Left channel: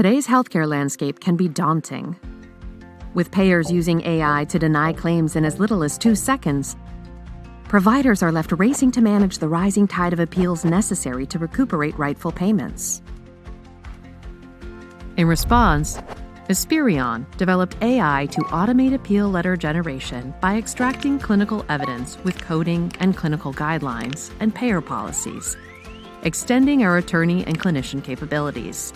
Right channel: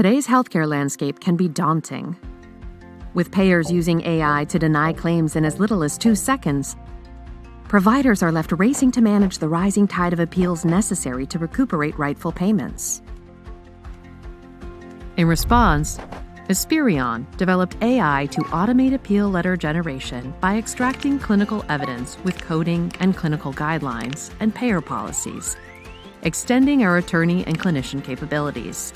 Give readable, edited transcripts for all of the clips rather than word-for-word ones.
Today's healthcare landscape can be daunting. With payers using AI to deny claims in as little as 2 seconds, providers are left racing to manage the rising tide of appeals necessary to recuperate rightful payments. In response, Aspirion developed AI to automate appeal letter generation by extracting clinical evidence with coding and clinical guidelines and payer policies, extending our attorney and clinician capabilities.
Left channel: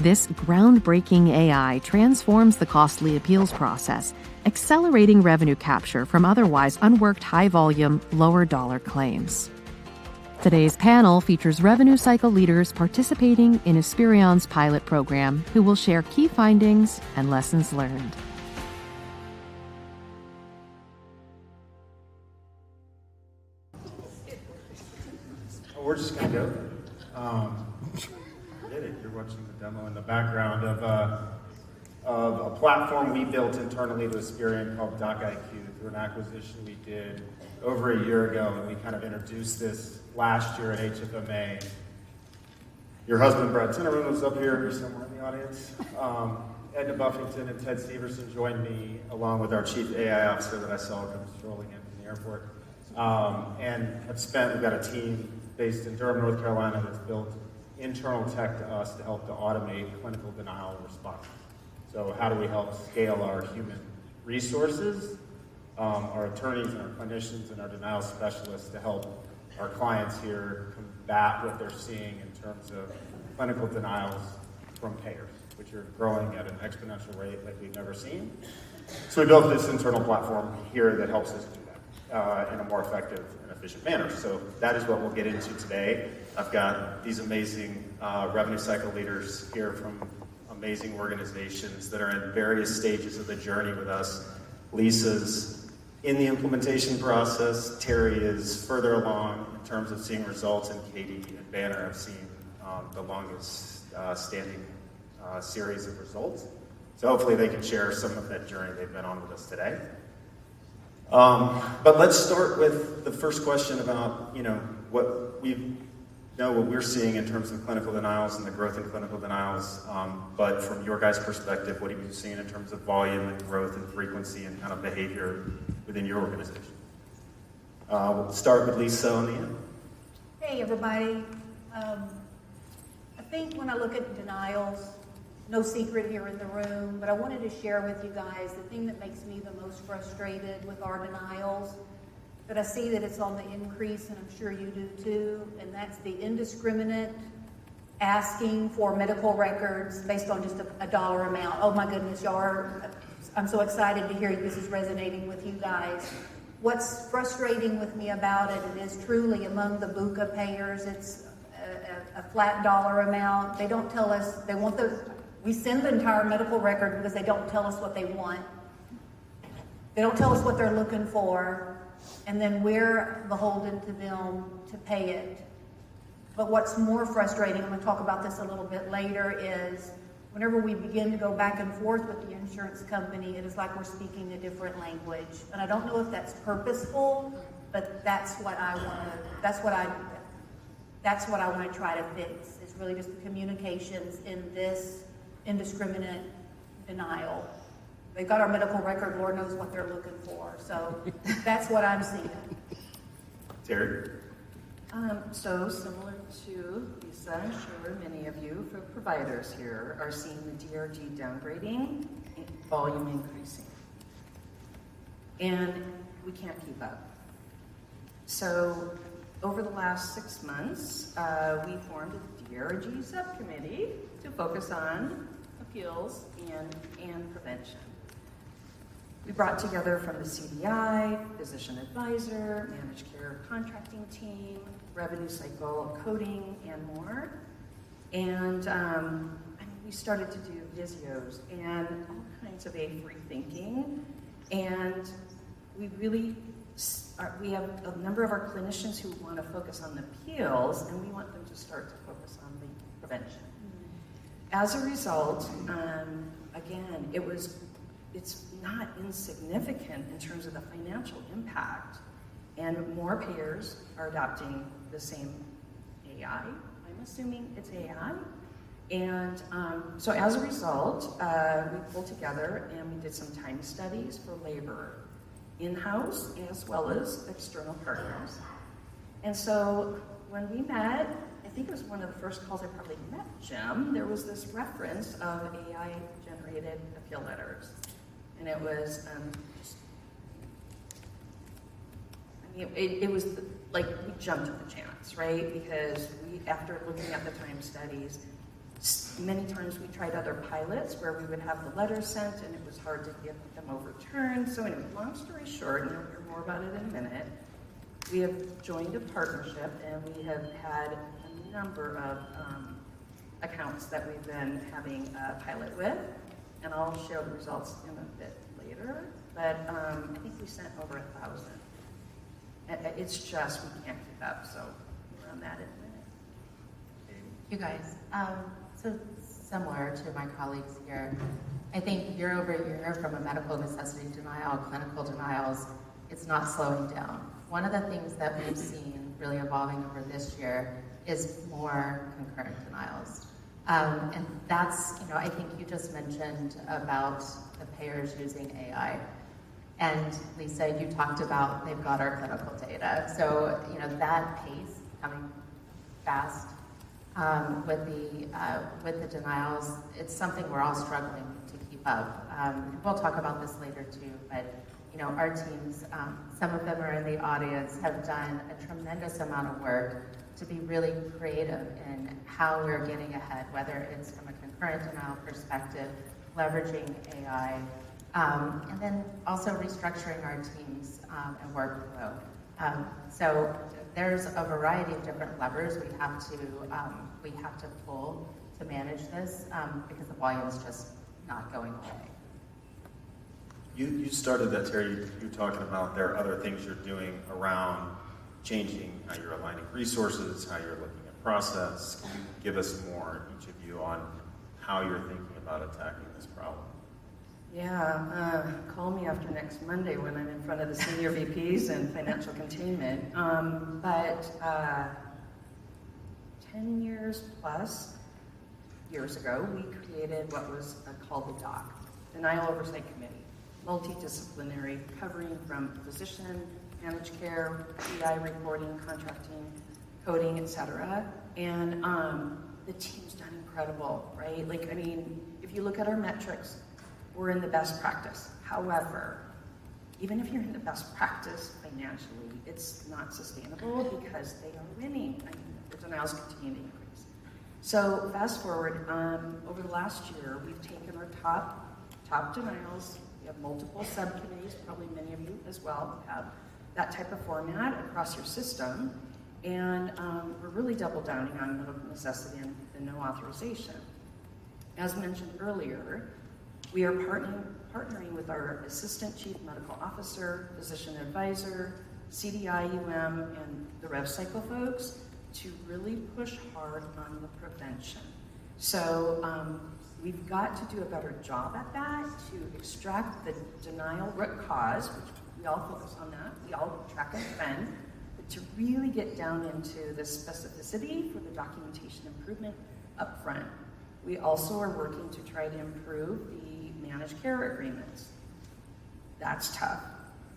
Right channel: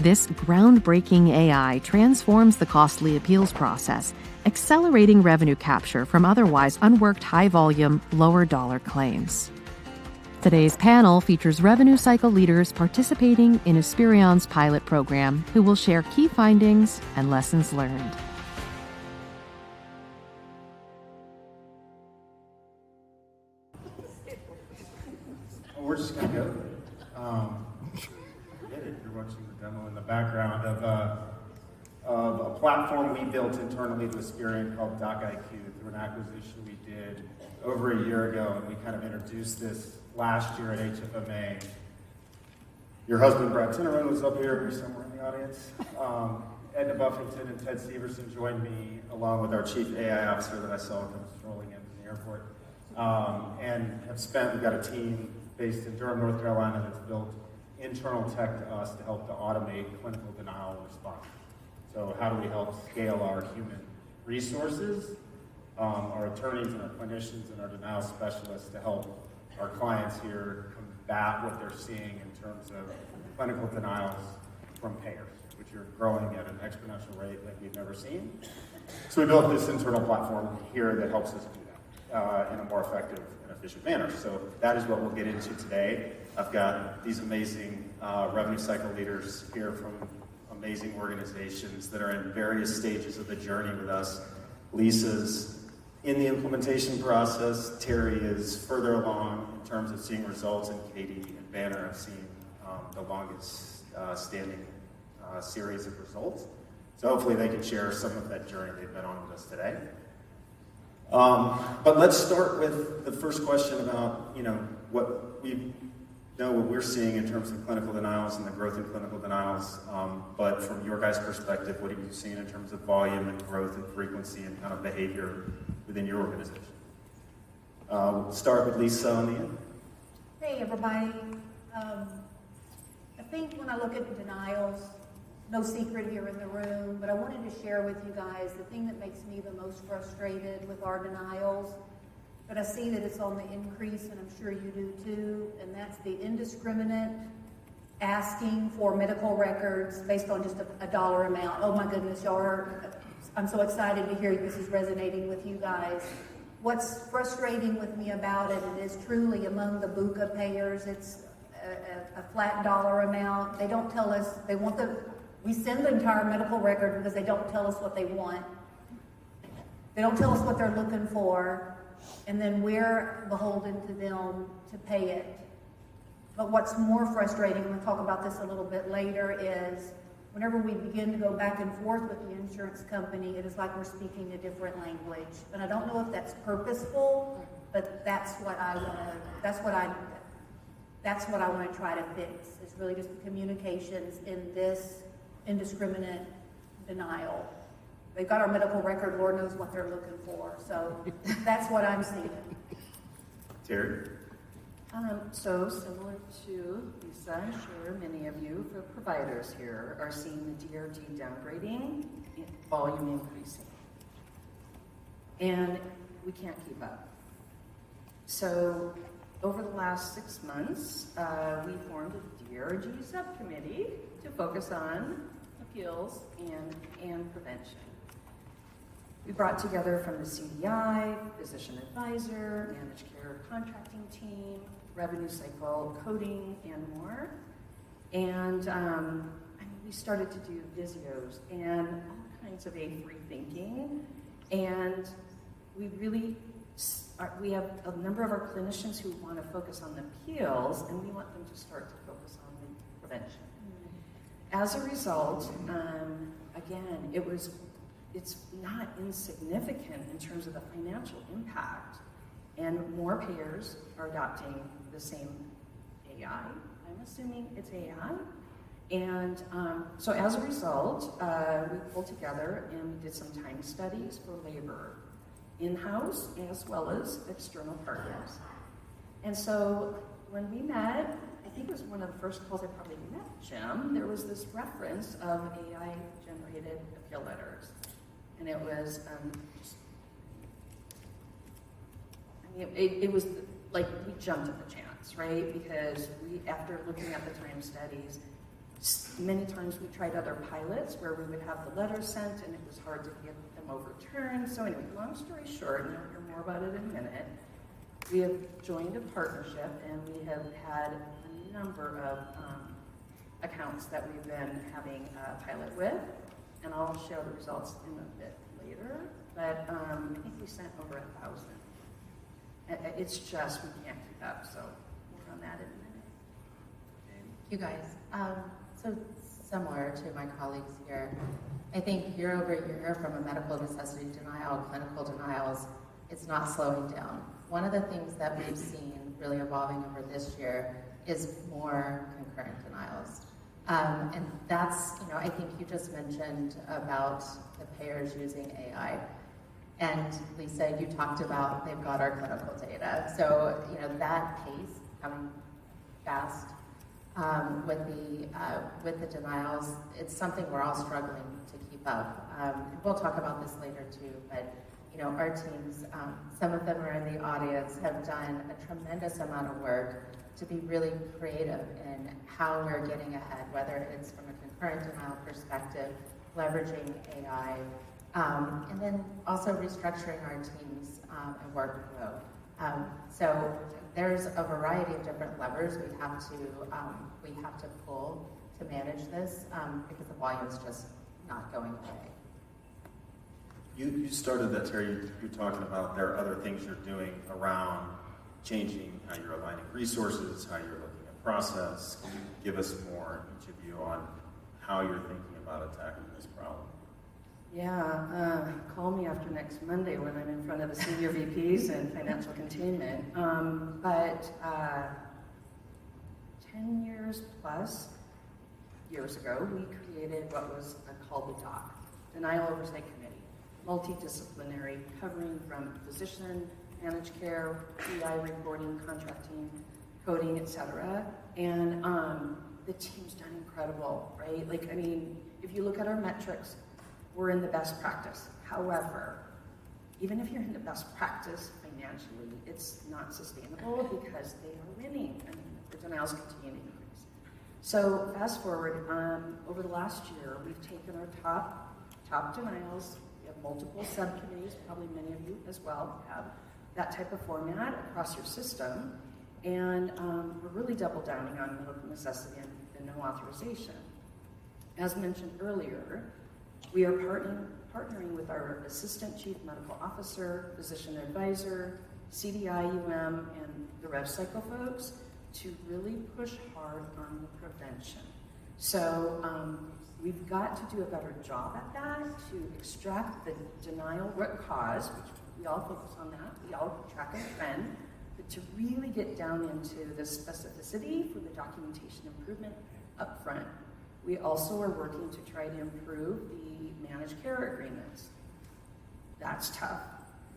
This groundbreaking AI transforms the costly appeals process, accelerating revenue capture from otherwise unworked high-volume, lower-dollar claims. Today's panel features revenue cycle leaders participating in Aspirion's pilot program who will share key findings and lessons learned. We're just going to go. You're watching the demo in the background of a platform we built internally to Aspirion called DocIQ through an acquisition we did over a year ago, and we kind of introduced this last year at HFMA. Your husband, Brad Tinnerman, was up here. He's somewhere in the audience. Edna Buffington and Ted Severson joined me, along with our chief AI officer that I saw come strolling in from the airport, and we've got a team based in Durham, North Carolina, that's built internal tech to us to help to automate clinical denial response. So how do we help scale our human resources, our attorneys and our clinicians and our denial specialists to help our clients here combat what they're seeing in terms of clinical denials from payers, which are growing at an exponential rate like we've never seen. So we built this internal platform here that helps us do that in a more effective and efficient manner. So that is what we'll get into today. I've got these amazing revenue cycle leaders here from amazing organizations that are in various stages of the journey with us. Lisa's in the implementation process. Terry is further along in terms of seeing results, and Katie and Banner have seen the longest standing series of results. So hopefully they can share some of that journey they've been on with us today. But let's start with the first question about what we're seeing in terms of clinical denials and the growth in clinical denials. But from your guys' perspective, what are you seeing in terms of volume and growth and frequency and kind of behavior within your organization? We'll start with Lisa on the end. Hey, everybody. I think when I look at denials, no secret here in the room, but I wanted to share with you guys the thing that makes me the most frustrated with our denials, that I see that it's on the increase, and I'm sure you do too, and that's the indiscriminate asking for medical records based on just a dollar amount. Oh my goodness, I'm so excited to hear this is resonating with you guys. What's frustrating with me about it, it is truly among the BUCA payers, it's a flat dollar amount. They don't tell us, we send the entire medical record because they don't tell us what they want. They don't tell us what they're looking for, and then we're beholden to them to pay it. But what's more frustrating, and we'll talk about this a little bit later, is whenever we begin to go back and forth with the insurance company, it is like we're speaking a different language. And I don't know if that's purposeful, but that's what I want to try to fix, is really just the communications in this indiscriminate denial. They've got our medical record, Lord knows what they're looking for. So that's what I'm seeing. Terry? So similar to Lisa, I'm sure many of you, for providers here, are seeing the DRG downgrading, volume increasing. And we can't keep up. So over the last 6 months, we formed a DRG subcommittee to focus on appeals and prevention. We brought together from the CDI, physician advisor, managed care contracting team, revenue cycle coding, and more. And we started to do visios and all kinds of A3 thinking. And we have a number of our clinicians who want to focus on the appeals, and we want them to start to focus on the prevention. As a result, again, it's not insignificant in terms of the financial impact, and more payers are adopting the same AI. I'm assuming it's AI, And so as a result, we pulled together and we did some time studies for labor, in-house as well as external partners. And so when we met, I think it was one of the first calls I probably met Jim, there was this reference of AI-generated appeal letters. And it was it was like we jumped at the chance, right? Because after looking at the time studies, many times we tried other pilots where we would have the letter sent and it was hard to get them overturned. So anyway, long story short, and you'll hear more about it in a minute, we have joined a partnership and we have had a number of accounts that we've been having a pilot with, and I'll share the results in a bit later, but I think we sent over 1,000. It's just, we can't keep up, so more on that in a minute. You guys, so similar to my colleagues here, I think year over year from a medical necessity denial, clinical denials, it's not slowing down. One of the things that we've seen really evolving over this year is more concurrent denials. And that's, I think you just mentioned about the payers using AI. And Lisa, you talked about they've got our clinical data. So, that pace coming fast with the denials, it's something we're all struggling to keep up. And we'll talk about this later too, but our teams, some of them are in the audience, have done a tremendous amount of work to be really creative in how we're getting ahead, whether it's from a concurrent denial perspective, leveraging AI, and then also restructuring our teams and workflow. So there's a variety of different levers we have to pull to manage this because the volume's just not going away. You started that, Terry. You're talking about there are other things you're doing around changing how you're aligning resources, how you're looking at process. Can you give us more, each of you, on how you're thinking about attacking this problem? Yeah, call me after next Monday when I'm in front of the senior VPs and financial containment. But 10 years plus years ago, we created what was called the DOC, Denial Oversight Committee, multidisciplinary, covering from physician, managed care, PI reporting, contracting, coding, etc. And the team's done incredible, right? If you look at our metrics, we're in the best practice. However, even if you're in the best practice financially, it's not sustainable because they are winning. The denials continue to increase. So fast forward, over the last year, we've taken our top denials. We have multiple subcommittees, probably many of you as well have that type of format across your system. And we're really double downing on medical necessity and the no authorization. As mentioned earlier, we are partnering with our Assistant Chief Medical Officer, Physician Advisor, CDI-UM, and the RevCycle folks to really push hard on the prevention. So we've got to do a better job at that to extract the denial root cause, which we all focus on that, we all track and trend, but to really get down into the specificity for the documentation improvement up front. We also are working to try to improve the managed care agreements. That's tough.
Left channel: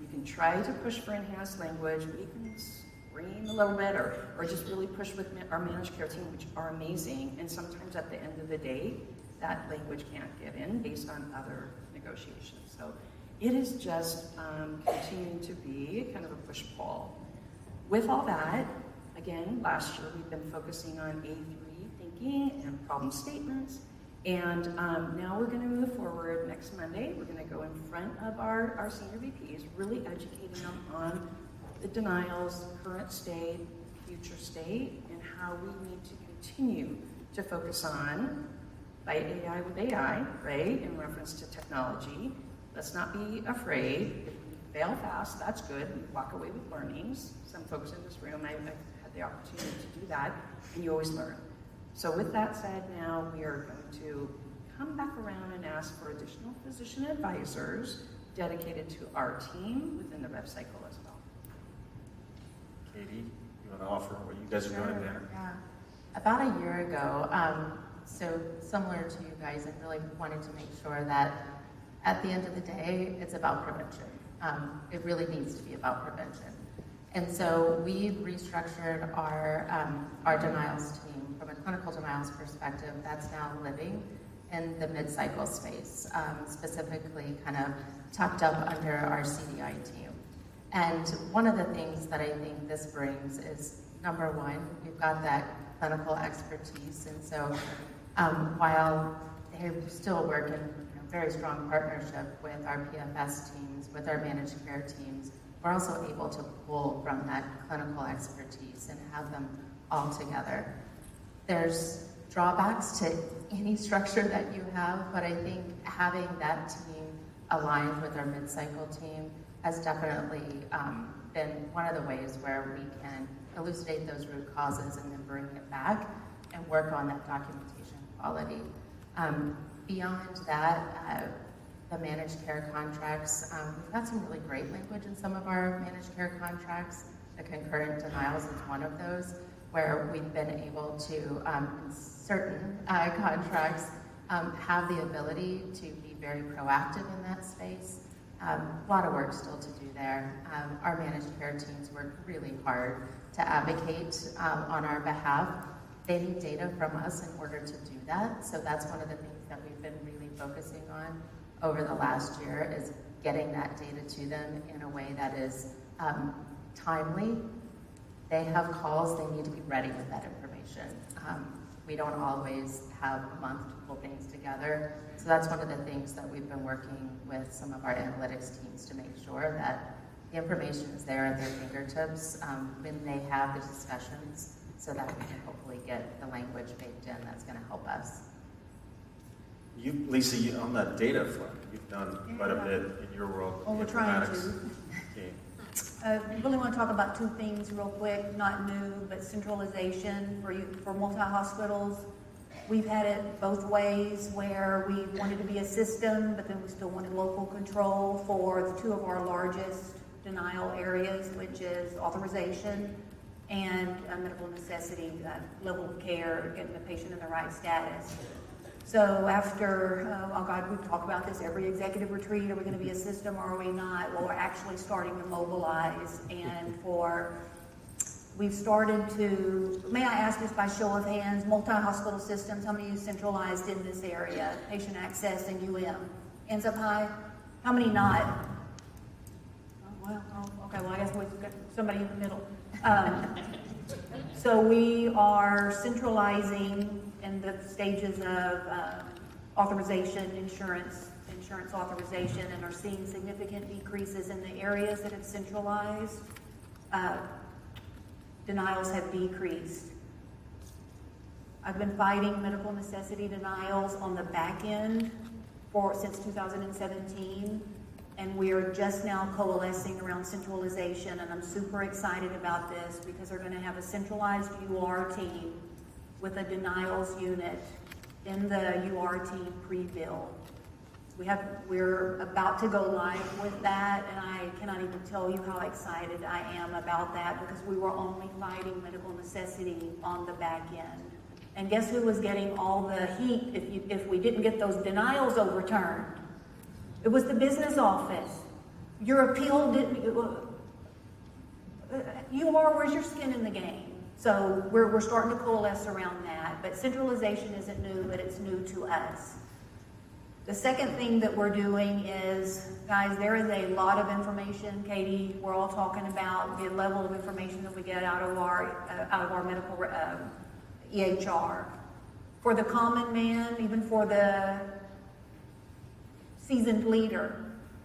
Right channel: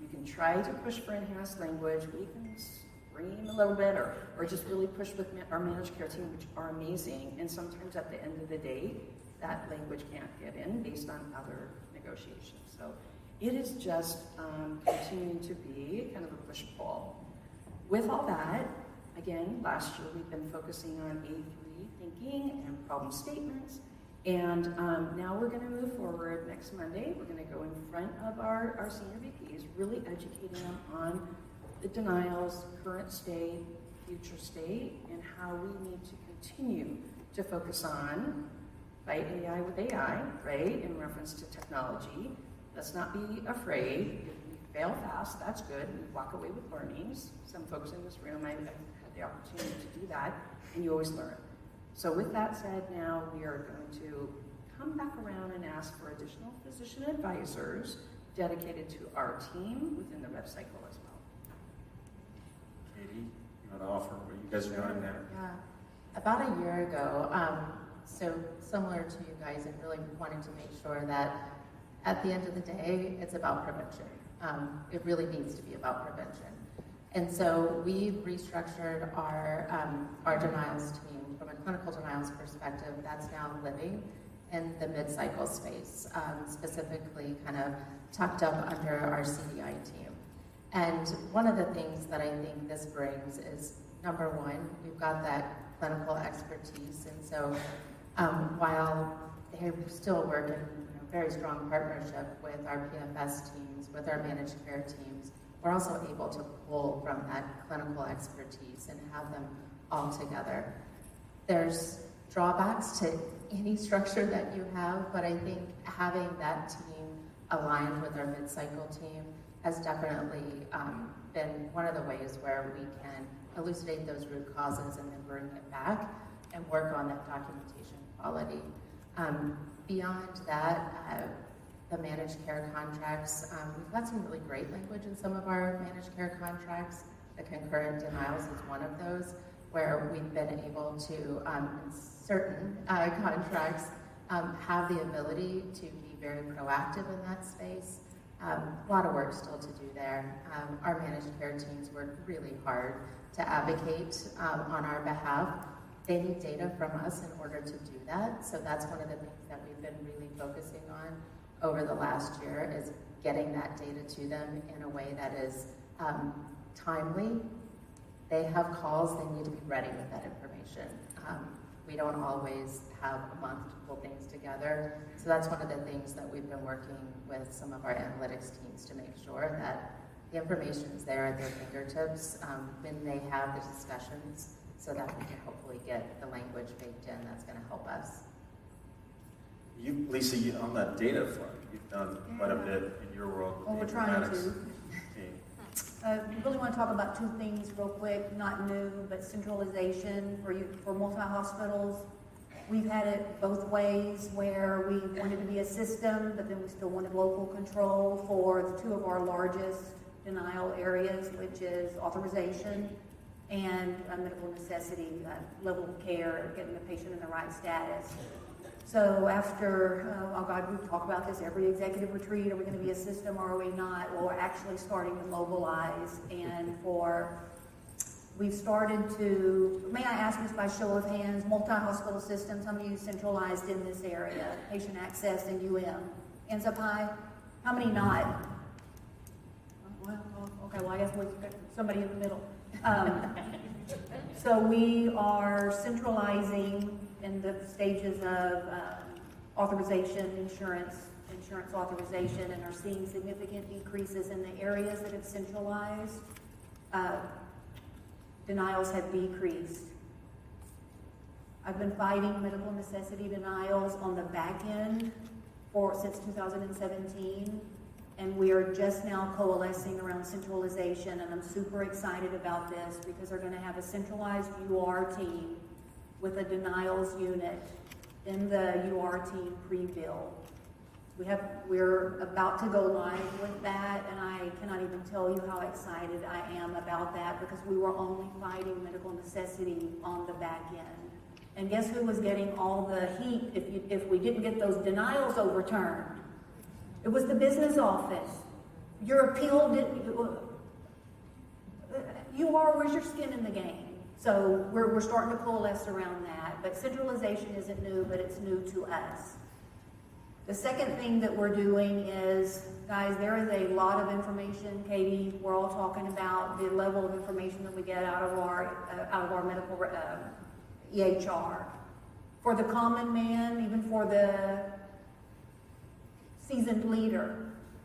You can try to push for enhanced language. We can scream a little bit or just really push with our managed care team, which are amazing. And sometimes at the end of the day, that language can't get in based on other negotiations. So it is just continuing to be kind of a push-pull. With all that, again, last year we've been focusing on A3 thinking and problem statements. And now we're going to move forward next Monday. We're going to go in front of our senior VPs, really educating them on the denials, current state, future state, and how we need to continue to focus on fight AI with AI, right, in reference to technology. Let's not be afraid. If we fail fast, that's good. We walk away with learnings. Some folks in this room, I've had the opportunity to do that, and you always learn. So with that said, now we are going to come back around and ask for additional physician advisors dedicated to our team within the RevCycle as well. Katie, you want to offer what you guys are doing there? Yeah. About a year ago, So similar to you guys, I really wanted to make sure that at the end of the day, it's about prevention. It really needs to be about prevention. And so we restructured our denials team from a clinical denials perspective. That's now living in the mid-cycle space, specifically kind of tucked up under our CDI team. And one of the things that I think this brings is, number one, you've got that clinical expertise. And so while they still work in very strong partnership with our PFS teams, with our managed care teams, we're also able to pull from that clinical expertise and have them all together. There's drawbacks to any structure that you have, but I think having that team aligned with our mid-cycle team has definitely been one of the ways where we can elucidate those root causes and then bring it back and work on that documentation quality. Beyond that, the managed care contracts, we've got some really great language in some of our managed care contracts. The concurrent denials is one of those, where we've been able to, in certain contracts, have the ability to be very proactive in that space. A lot of work still to do there. Our managed care teams work really hard to advocate on our behalf. They need data from us in order to do that. So that's one of the things that we've been really focusing on over the last year, is getting that data to them in a way that is timely. They have calls, they need to be ready with that information. We don't always have a month to pull things together. So that's one of the things that we've been working with some of our analytics teams to make sure that the information is there at their fingertips when they have the discussions, so that we can hopefully get the language baked in that's going to help us. Lisa, on that data front, you've done quite a bit in your world. Well, we're trying to. team. I really want to talk about two things real quick, not new, but centralization for multi-hospitals. We've had it both ways, where we wanted to be a system, but then we still wanted local control for the two of our largest denial areas, which is authorization and medical necessity, level of care, getting the patient in the right status. So after, oh God, we talk about this every executive retreat, are we going to be a system or are we not? Well, we're actually starting to mobilize, and we've started to, may I ask this by show of hands, multi-hospital systems, how many of you centralized in this area? Patient access and hands up high. How many not? Okay, well I guess we've got somebody in the middle. So we are centralizing in the stages of authorization, insurance authorization, and are seeing significant decreases in the areas that have centralized. Denials have decreased. I've been fighting medical necessity denials on the back end since 2017, and we are just now coalescing around centralization, and I'm super excited about this because they're going to have a centralized UR team with a denials unit in the UR team pre-bill. We're about to go live with that, and I cannot even tell you how excited I am about that, because we were only fighting medical necessity on the back end. And guess who was getting all the heat if we didn't get those denials overturned? It was the business office. Your appeal didn't, where's your skin in the game? So we're starting to coalesce around that, but centralization isn't new, but it's new to us. The second thing that we're doing is, guys, there is a lot of information. Katie, we're all talking about the level of information that we get out of our medical EHR. For the common man, even for the seasoned leader,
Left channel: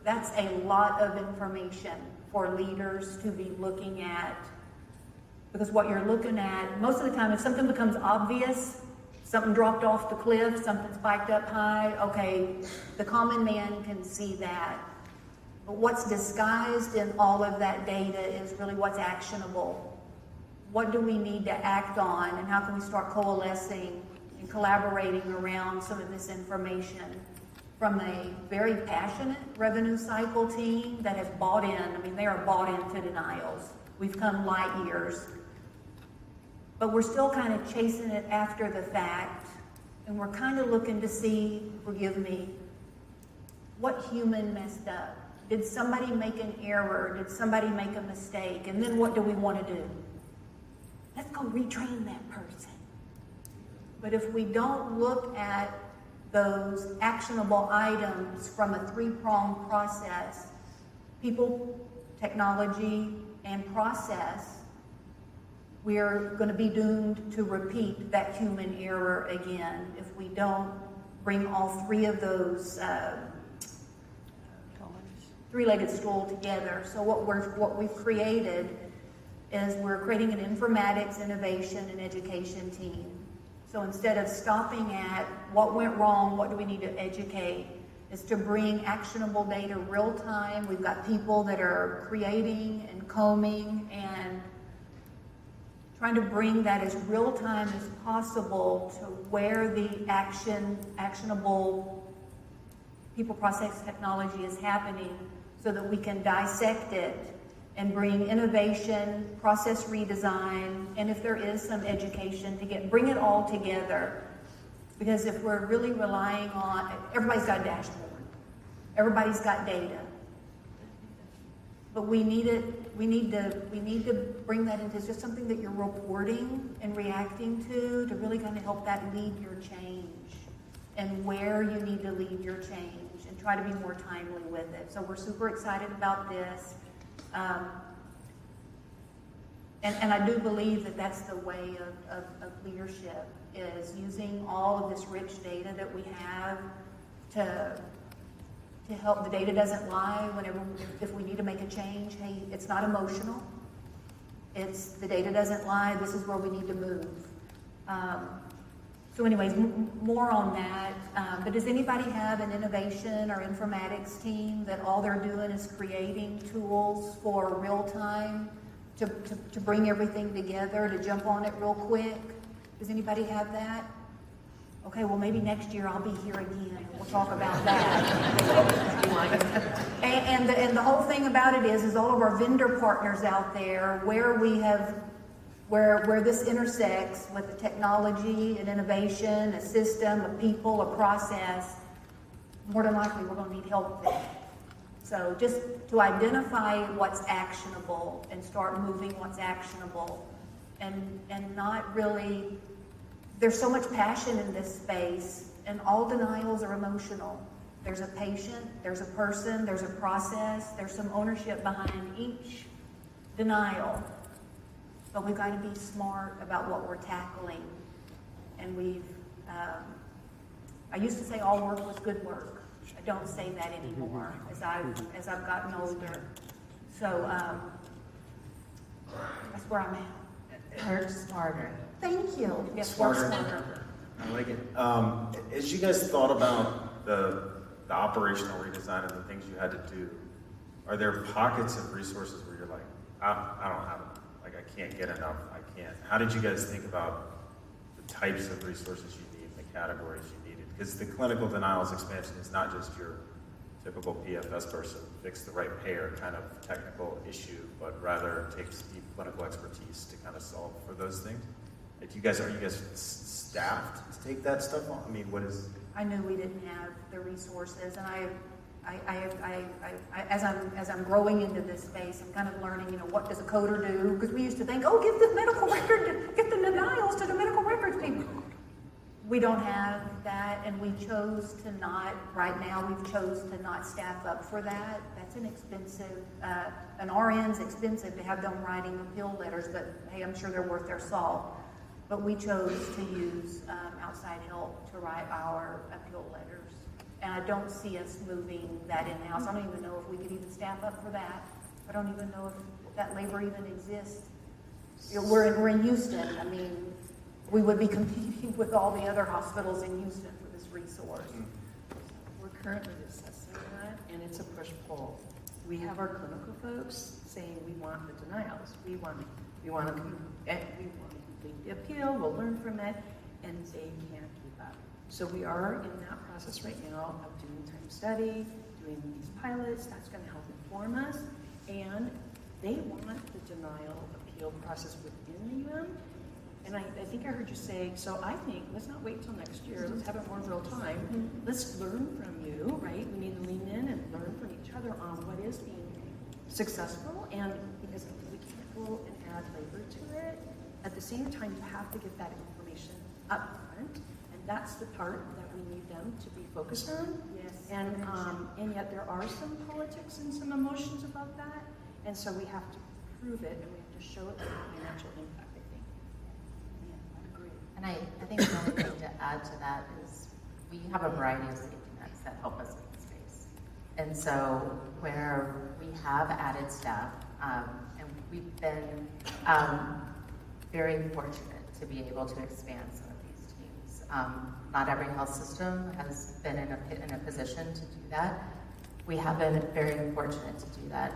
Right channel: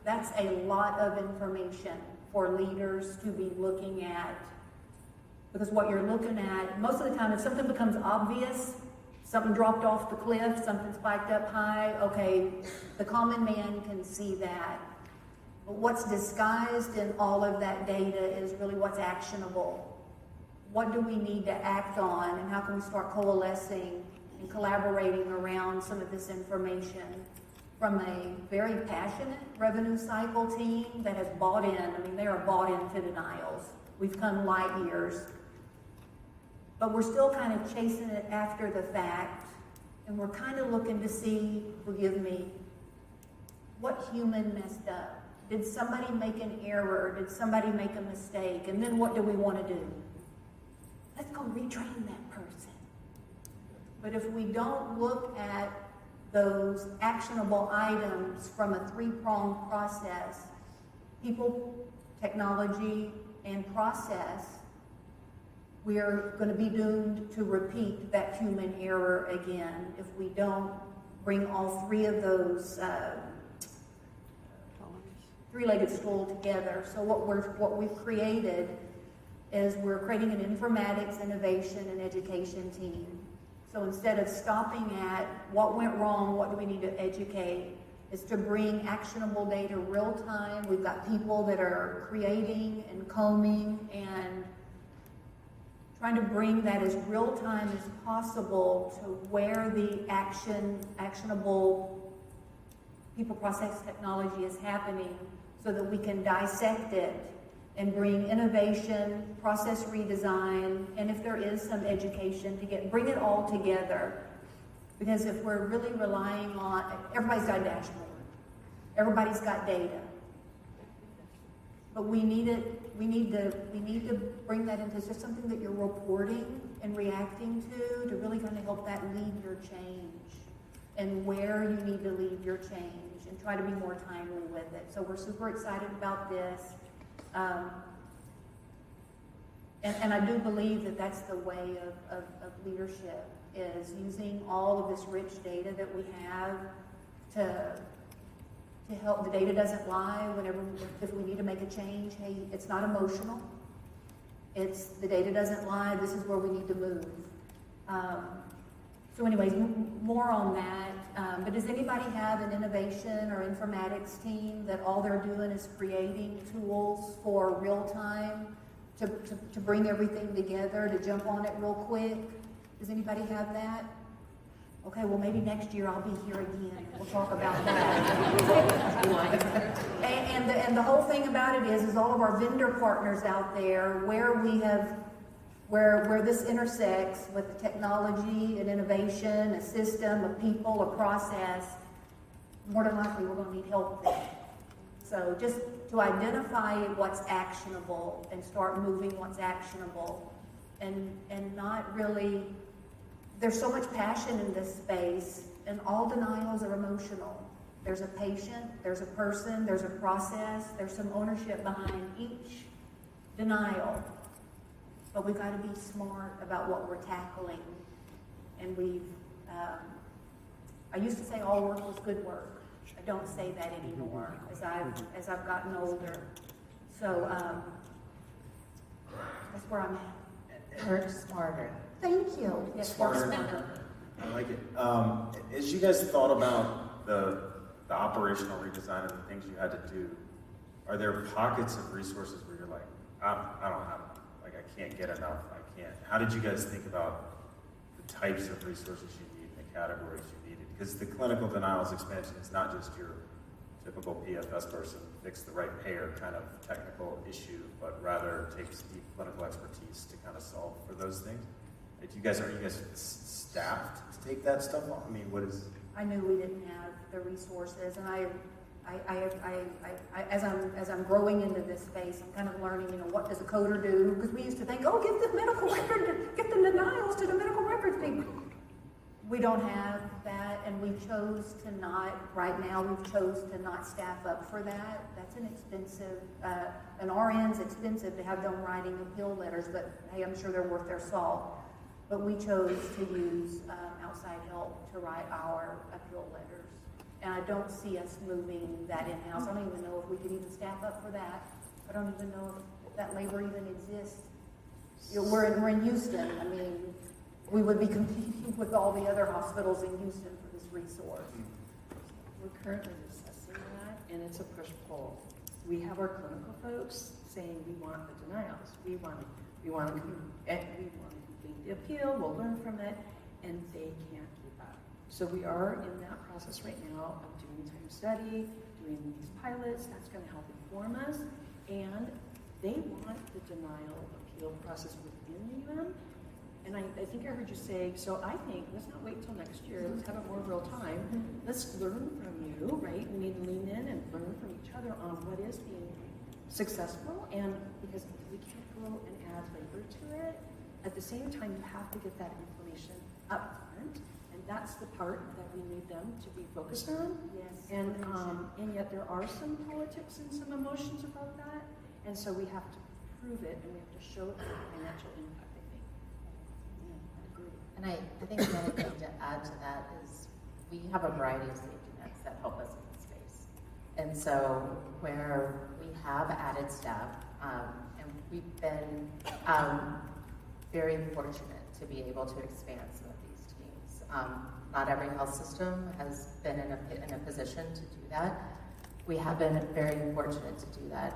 that's a lot of information for leaders to be looking at. Because what you're looking at, most of the time, if something becomes obvious, something dropped off the cliff, something spiked up high, okay, the common man can see that. But what's disguised in all of that data is really what's actionable. What do we need to act on, and how can we start coalescing and collaborating around some of this information? From a very passionate revenue cycle team that has bought in, they are bought into denials. We've come light years. But we're still kind of chasing it after the fact And we're kind of looking to see, forgive me, what human messed up? Did somebody make an error? Did somebody make a mistake? And then what do we want to do? Let's go retrain that person. But if we don't look at those actionable items from a three-pronged process, people, technology, and process, we're going to be doomed to repeat that human error again if we don't bring all three of those three-legged stool together. So what we've created is we're creating an informatics, innovation, and education team. So instead of stopping at what went wrong, what do we need to educate, is to bring actionable data real time. We've got people that are creating and combing and trying to bring that as real time as possible to where the actionable people process technology is happening so that we can dissect it and bring innovation, process redesign, and if there is some education to bring it all together. Because if we're really relying on, everybody's got a dashboard, everybody's got data, but we need to bring that into just something that you're reporting and reacting to really kind of help that lead your change and where you need to lead your change and try to be more timely with it. So we're super excited about this. And I do believe that that's the way of leadership, is using all of this rich data that we have to help. The data doesn't lie if we need to make a change. Hey, it's not emotional. The data doesn't lie. This is where we need to move. So anyways, more on that. But does anybody have an innovation or informatics team that all they're doing is creating tools for real time to bring everything together, to jump on it real quick? Does anybody have that? Okay, well maybe next year I'll be here again. We'll talk about that. and the whole thing about it is all of our vendor partners out there, where this intersects with the technology and innovation, a system, a people, a process, more than likely we're going to need help there. So just to identify what's actionable and start moving what's actionable, and not really, there's so much passion in this space, and all denials are emotional. There's a patient, there's a person, there's a process, there's some ownership behind each denial. But we've got to be smart about what we're tackling. And I used to say all work was good work. I don't say that anymore as I've gotten older. So that's where I'm at. Work smarter. Thank you. Yes, work smarter. I like it. As you guys thought about the operational redesign of the things you had to do, are there pockets of resources where you're like, I don't have enough, like I can't get enough, I can't? How did you guys think about the types of resources you need, the categories you needed? Because the clinical denials expansion is not just your typical PFS person, fix the right payer kind of technical issue, but rather takes deep clinical expertise to kind of solve for those things. Like are you guys staffed to take that stuff on? I mean, what is? I knew we didn't have the resources, and as I'm growing into this space, I'm kind of learning, what does a coder do? Because we used to think, give the medical record, get the denials to the medical records people. We don't have that, and we chose to not. Right now, we've chose to not staff up for that. That's an expensive. An RN's expensive to have them writing appeal letters, but hey, I'm sure they're worth their salt. But we chose to use outside help to write our appeal letters. And I don't see us moving that in-house. I don't even know if we could even staff up for that. I don't even know if that labor even exists. We're in Houston. I mean, we would be competing with all the other hospitals in Houston for this resource. We're currently assessing that, and it's a push-pull. We have our clinical folks saying we want the denials. We want to complete the appeal. We'll learn from it, and they can't keep up. So we are in that process right now of doing time study, doing these pilots. That's going to help inform us, and they want the denial appeal process within the UM And I think I heard you say, so I think, let's not wait till next year, let's have it more real time. Let's learn from you, right? We need to lean in and learn from each other on what is being successful, and because we can't go and add labor to it, at the same time, you have to get that information up front, and that's the part that we need them to be focused on. Yes. And yet there are some politics and some emotions about that, and so we have to prove it, and we have to show it the financial impact, I think. Yeah, I agree. And I think the only thing to add to that is we have a variety of safety nets that help us in this space. And so where we have added staff, and we've been very fortunate to be able to expand some of these teams. Not every health system has been in a position to do that. We have been very fortunate to do that.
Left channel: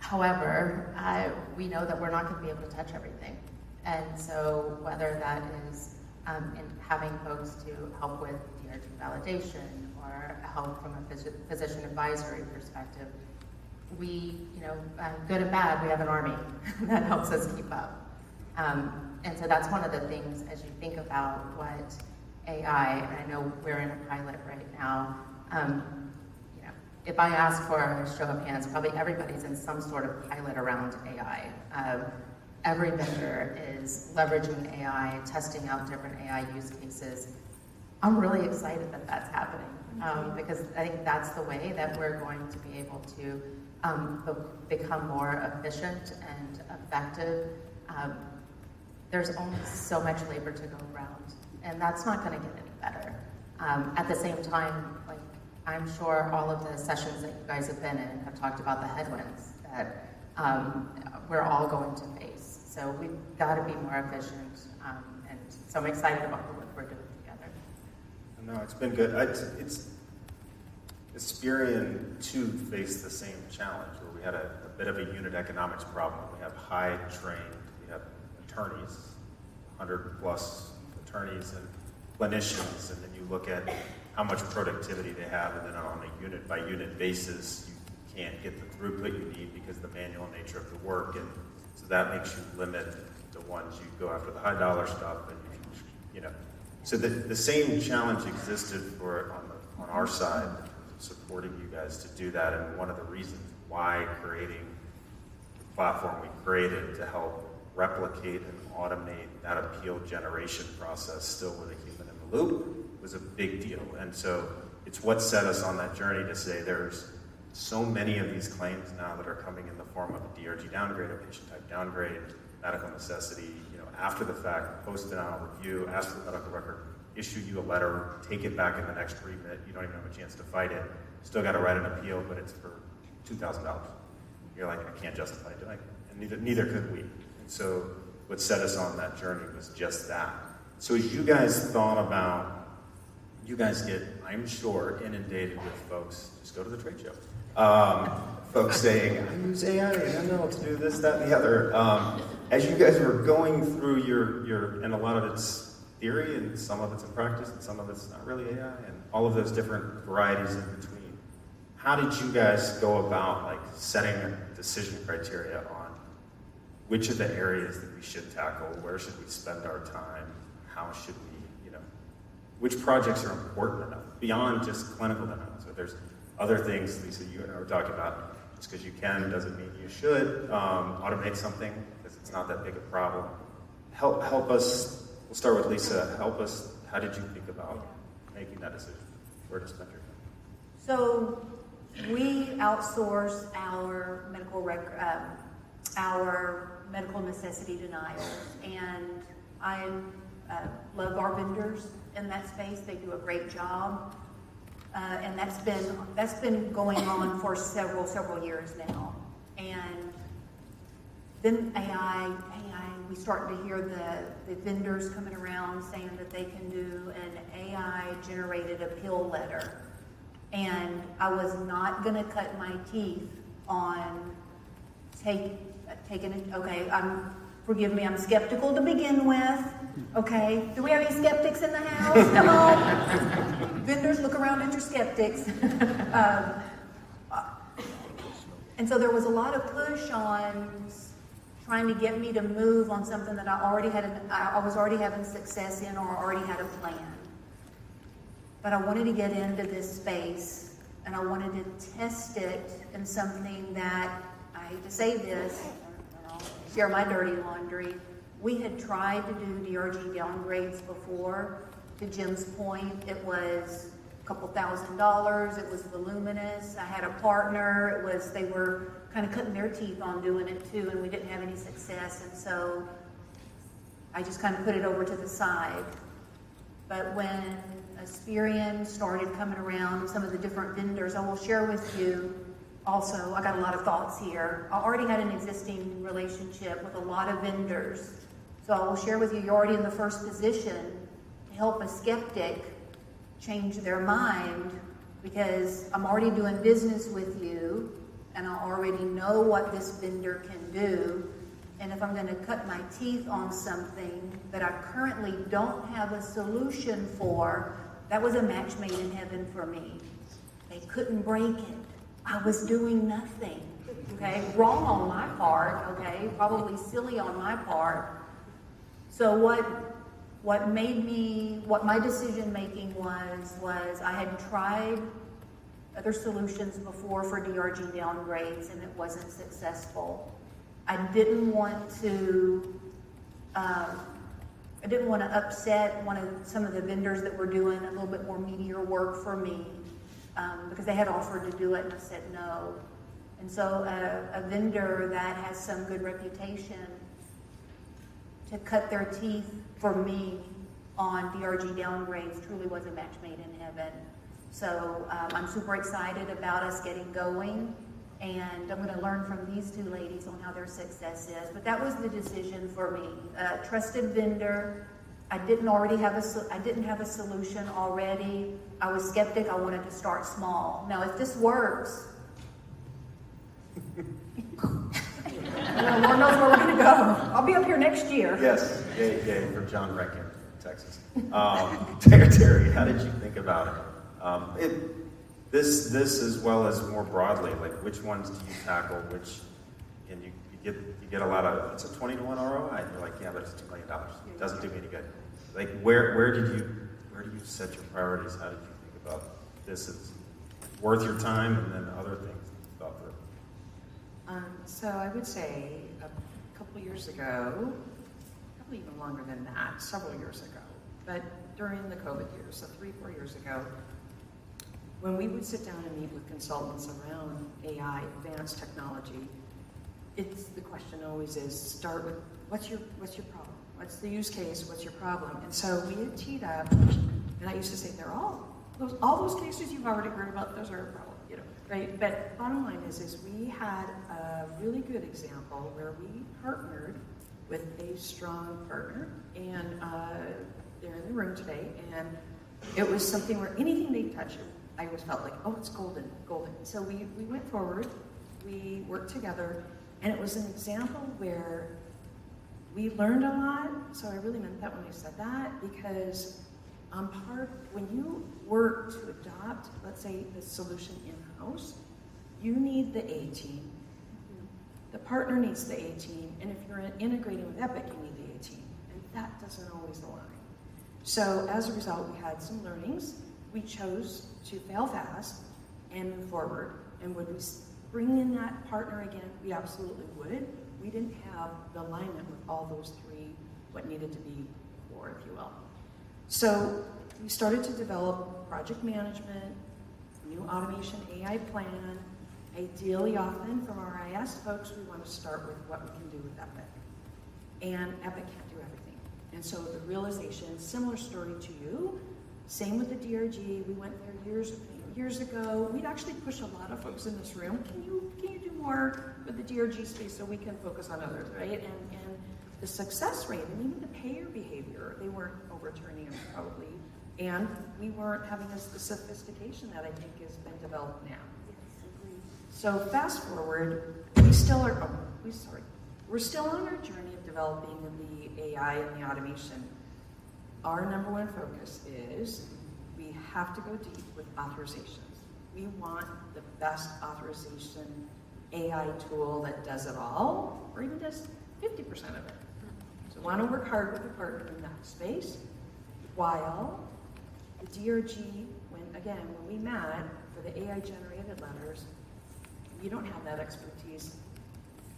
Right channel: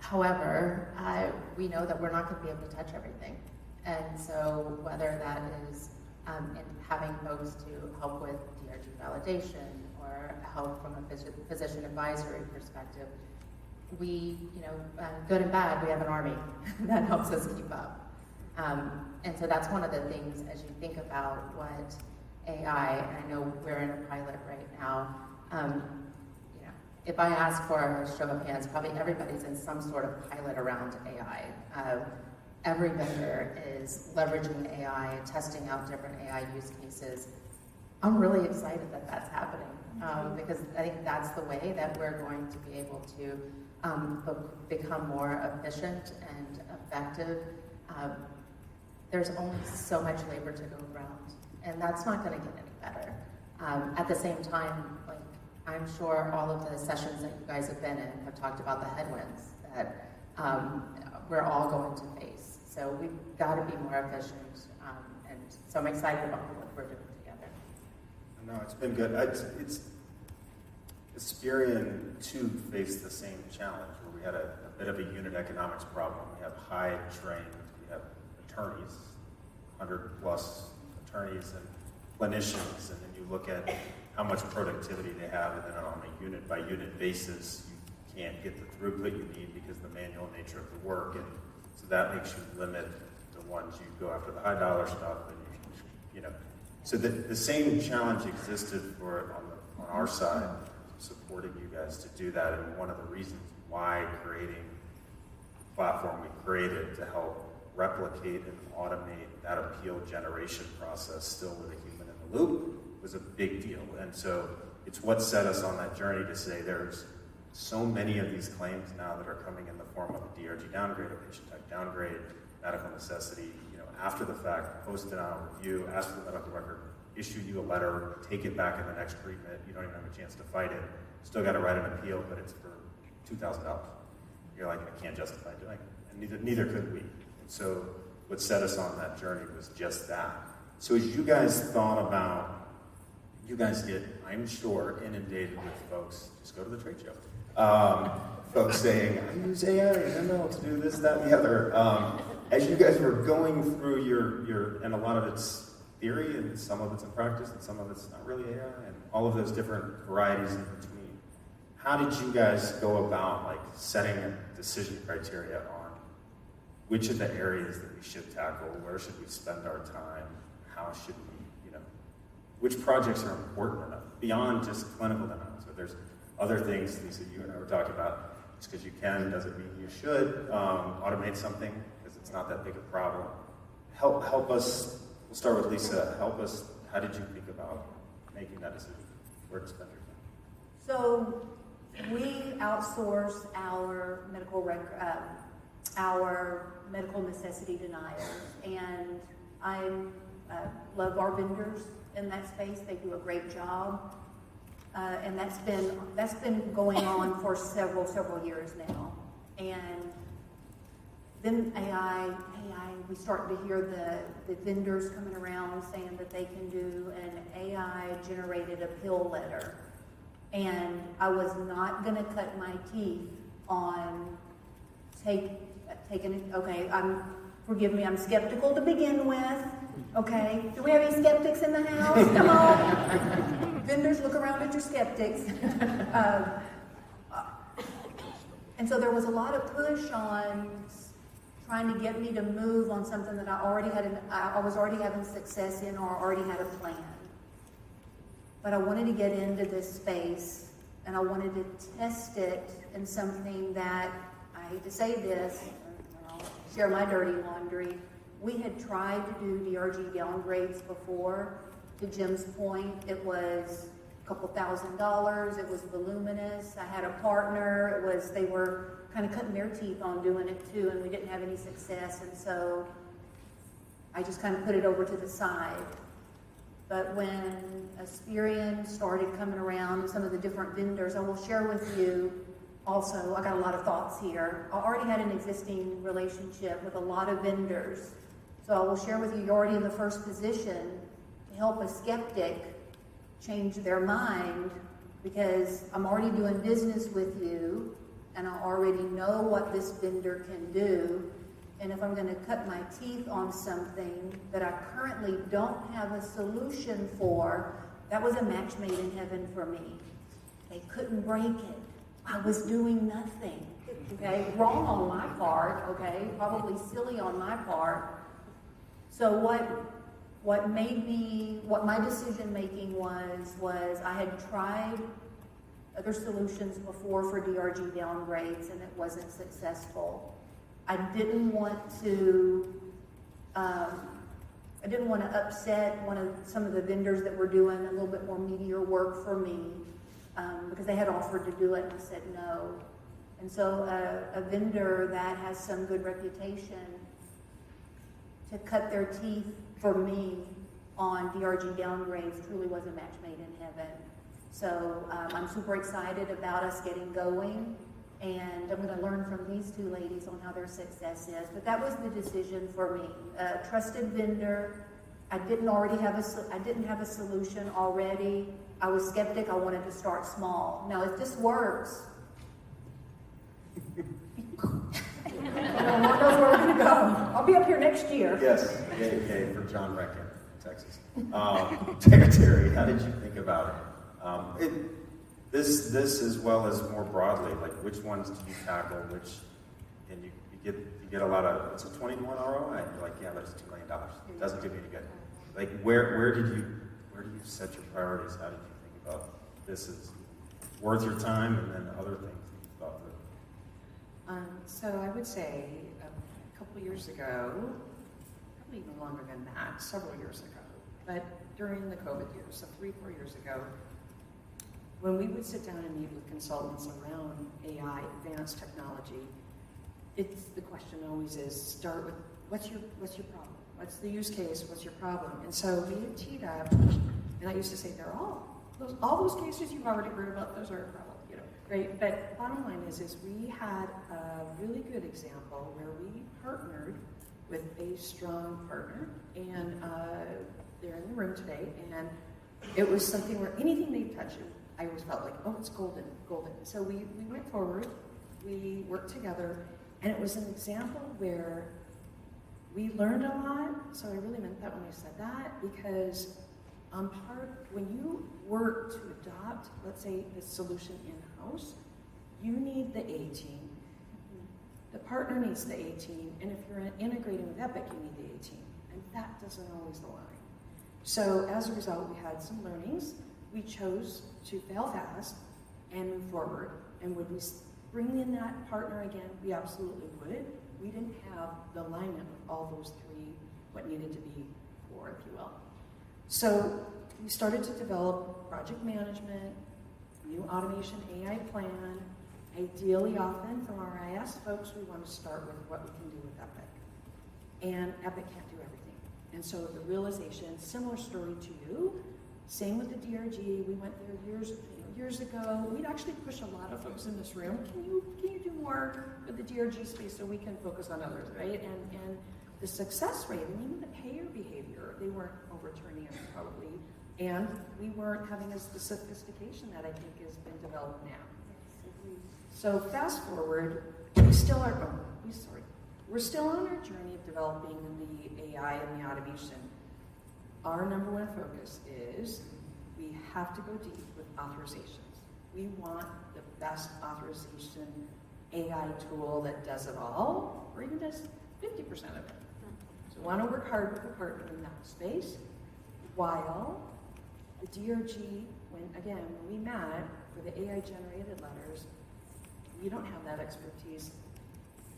However, we know that we're not going to be able to touch everything. And so whether that is in having folks to help with DRG validation or help from a physician advisory perspective, we, good and bad, we have an army that helps us keep up. And so that's one of the things as you think about what AI, and I know we're in a pilot right now, if I ask for a show of hands, probably everybody's in some sort of pilot around AI. Every vendor is leveraging AI, testing out different AI use cases. I'm really excited that that's happening because I think that's the way that we're going to be able to become more efficient and effective. There's only so much labor to go around, and that's not going to get any better. At the same time, like I'm sure all of the sessions that you guys have been in have talked about the headwinds that we're all going to face. So we've got to be more efficient, and so I'm excited about the work we're doing together. No, it's been good. It's Aspirion too faced the same challenge where we had a bit of a unit economics problem. We have high trained, we have attorneys, 100 plus attorneys and clinicians, and then you look at how much productivity they have, and then on a unit by unit basis, you can't get the throughput you need because of the manual nature of the work, and so that makes you limit the ones you go after the high dollar stuff, and so the same challenge existed on our side, supporting you guys to do that, and one of the reasons why creating the platform we created to help replicate and automate that appeal generation process still with a human in the loop was a big deal. And so it's what set us on that journey to say there's so many of these claims now that are coming in the form of a DRG downgrade, a patient type downgrade, medical necessity, after the fact, post denial review, ask for the medical record, issue you a letter, take it back in the next treatment, you don't even have a chance to fight it, still got to write an appeal, but it's for $2,000. You're like, I can't justify doing it, and neither could we. And so what set us on that journey was just that. So as you guys thought about, you guys get, I'm sure, inundated with folks, just go to the trade show, folks saying, I use AI and ML to do this, that, and the other. As you guys were going through your, and a lot of it's theory, and some of it's in practice, and some of it's not really AI, and all of those different varieties in between. How did you guys go about setting a decision criteria on which of the areas that we should tackle, where should we spend our time, how should we, which projects are important enough beyond just clinical denial? So there's other things, Lisa, you and I were talking about. Just because you can doesn't mean you should automate something because it's not that big a problem. Help us. We'll start with Lisa. Help us. How did you think about making that decision? Where to spend your time? So we outsource our medical necessity denials, and I love our vendors in that space. They do a great job, and that's been going on for several years now. And then AI, we started to hear the vendors coming around saying that they can do an AI-generated appeal letter. And I was not going to cut my teeth on taking it. Okay, forgive me, I'm skeptical to begin with. Okay, do we have any skeptics in the house? Come on. Vendors, look around at your skeptics. And so there was a lot of push on trying to get me to move on something that I was already having success in or already had a plan. But I wanted to get into this space, and I wanted to test it in something that, I hate to say this, I'll share my dirty laundry. We had tried to do DRG downgrades before. To Jim's point, it was a couple $1,000s. It was voluminous. I had a partner. They were kind of cutting their teeth on doing it too, and we didn't have any success. And so I just kind of put it over to the side. But when Aspirion started coming around, some of the different vendors, I will share with you also, I got a lot of thoughts here. I already had an existing relationship with a lot of vendors. So I will share with you, you're already in the first position to help a skeptic change their mind, because I'm already doing business with you and I already know what this vendor can do. And if I'm going to cut my teeth on something that I currently don't have a solution for, that was a match made in heaven for me. They couldn't break it. I was doing nothing. Okay, wrong on my part. Okay, probably silly on my part. So what my decision making was I had tried other solutions before for DRG downgrades, and it wasn't successful. I didn't want to upset some of the vendors that were doing a little bit more meatier work for me, because they had offered to do it and I said no. And so a vendor that has some good reputation to cut their teeth for me on DRG downgrades truly was a match made in heaven. So I'm super excited about us getting going, and I'm going to learn from these two ladies on how their success is. But that was the decision for me. Trusted vendor. I didn't have a solution already. I was skeptic. I wanted to start small. Now, if this works, Lord knows where we're going to go. I'll be up here next year. Yes, yay for John Reckon, Texas. Terry, how did you think about it? This as well as more broadly, like which ones do you tackle? Which, and you get a lot of, it's a 20-to-1 ROI. You're like, yeah, but it's $2 million. It doesn't do me any good. Like where do you set your priorities? How did you think about this is worth your time, and then other things that you thought through? So I would say a couple years ago, probably even longer than that, several years ago, but during the COVID years, so 3-4 years ago, when we would sit down and meet with consultants around AI, advanced technology, the question always is, start with, what's your problem? What's the use case? What's your problem? And so we had teed up, and I used to say, all those cases you've already heard about, those are a problem, right? But bottom line is we had a really good example where we partnered with a strong partner, and they're in the room today, and it was something where anything they touched, I always felt like, oh, it's golden. So we went forward, we worked together, and it was an example where we learned a lot. So I really meant that when I said that, because when you work to adopt, let's say, the solution in-house, you need the A team. The partner needs the A team, and if you're integrating with Epic, you need the A team, and that doesn't always align. So as a result, we had some learnings. We chose to fail fast and move forward. And would we bring in that partner again? We absolutely would. We didn't have the alignment with all those three, what needed to be core, if you will. So we started to develop project management, new automation AI plan. Ideally, often from our IS folks, we want to start with what we can do with Epic. And Epic can't do everything. And so the realization, similar story to you, same with the DRG. We went there years ago. We'd actually push a lot of folks in this room. Can you do more with the DRG space so we can focus on others, right? And the success rate, and even the payer behavior, they weren't overturning them probably, and we weren't having the sophistication that I think has been developed now. So fast forward, we're still on our journey of developing the AI and the automation. Our number one focus is we have to go deep with authorizations. We want the best authorization AI tool that does it all, or even does 50% of it. So want to work hard with a partner in that space, while the DRG, when we met for the AI-generated letters, we don't have that expertise.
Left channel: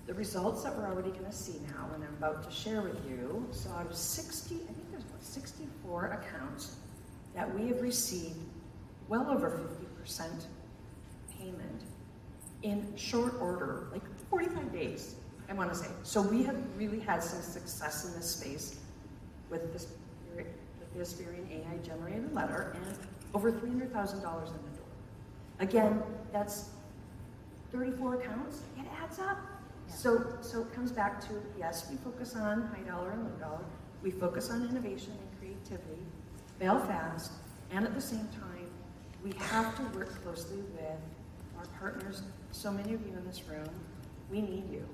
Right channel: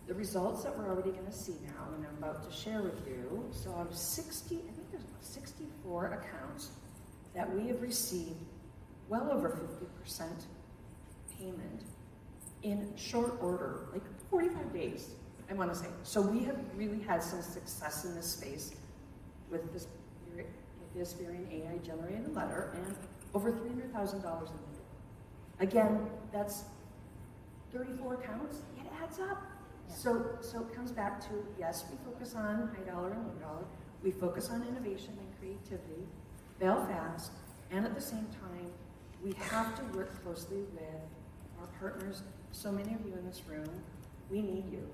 The results that we're already going to see now, and I'm about to share with you, so out of 60, I think there's about 64 accounts that we have received well over 50% payment in short order, like 45 days, I want to say. So we have really had some success in this space with the Aspirion AI-generated letter, and over $300,000 in the door. Again, that's 34 accounts. It adds up. Yeah. So it comes back to, yes, we focus on high dollar and low dollar. We focus on innovation and creativity, fail fast, and at the same time, we have to work closely with our partners. So many of you in this room, we need you.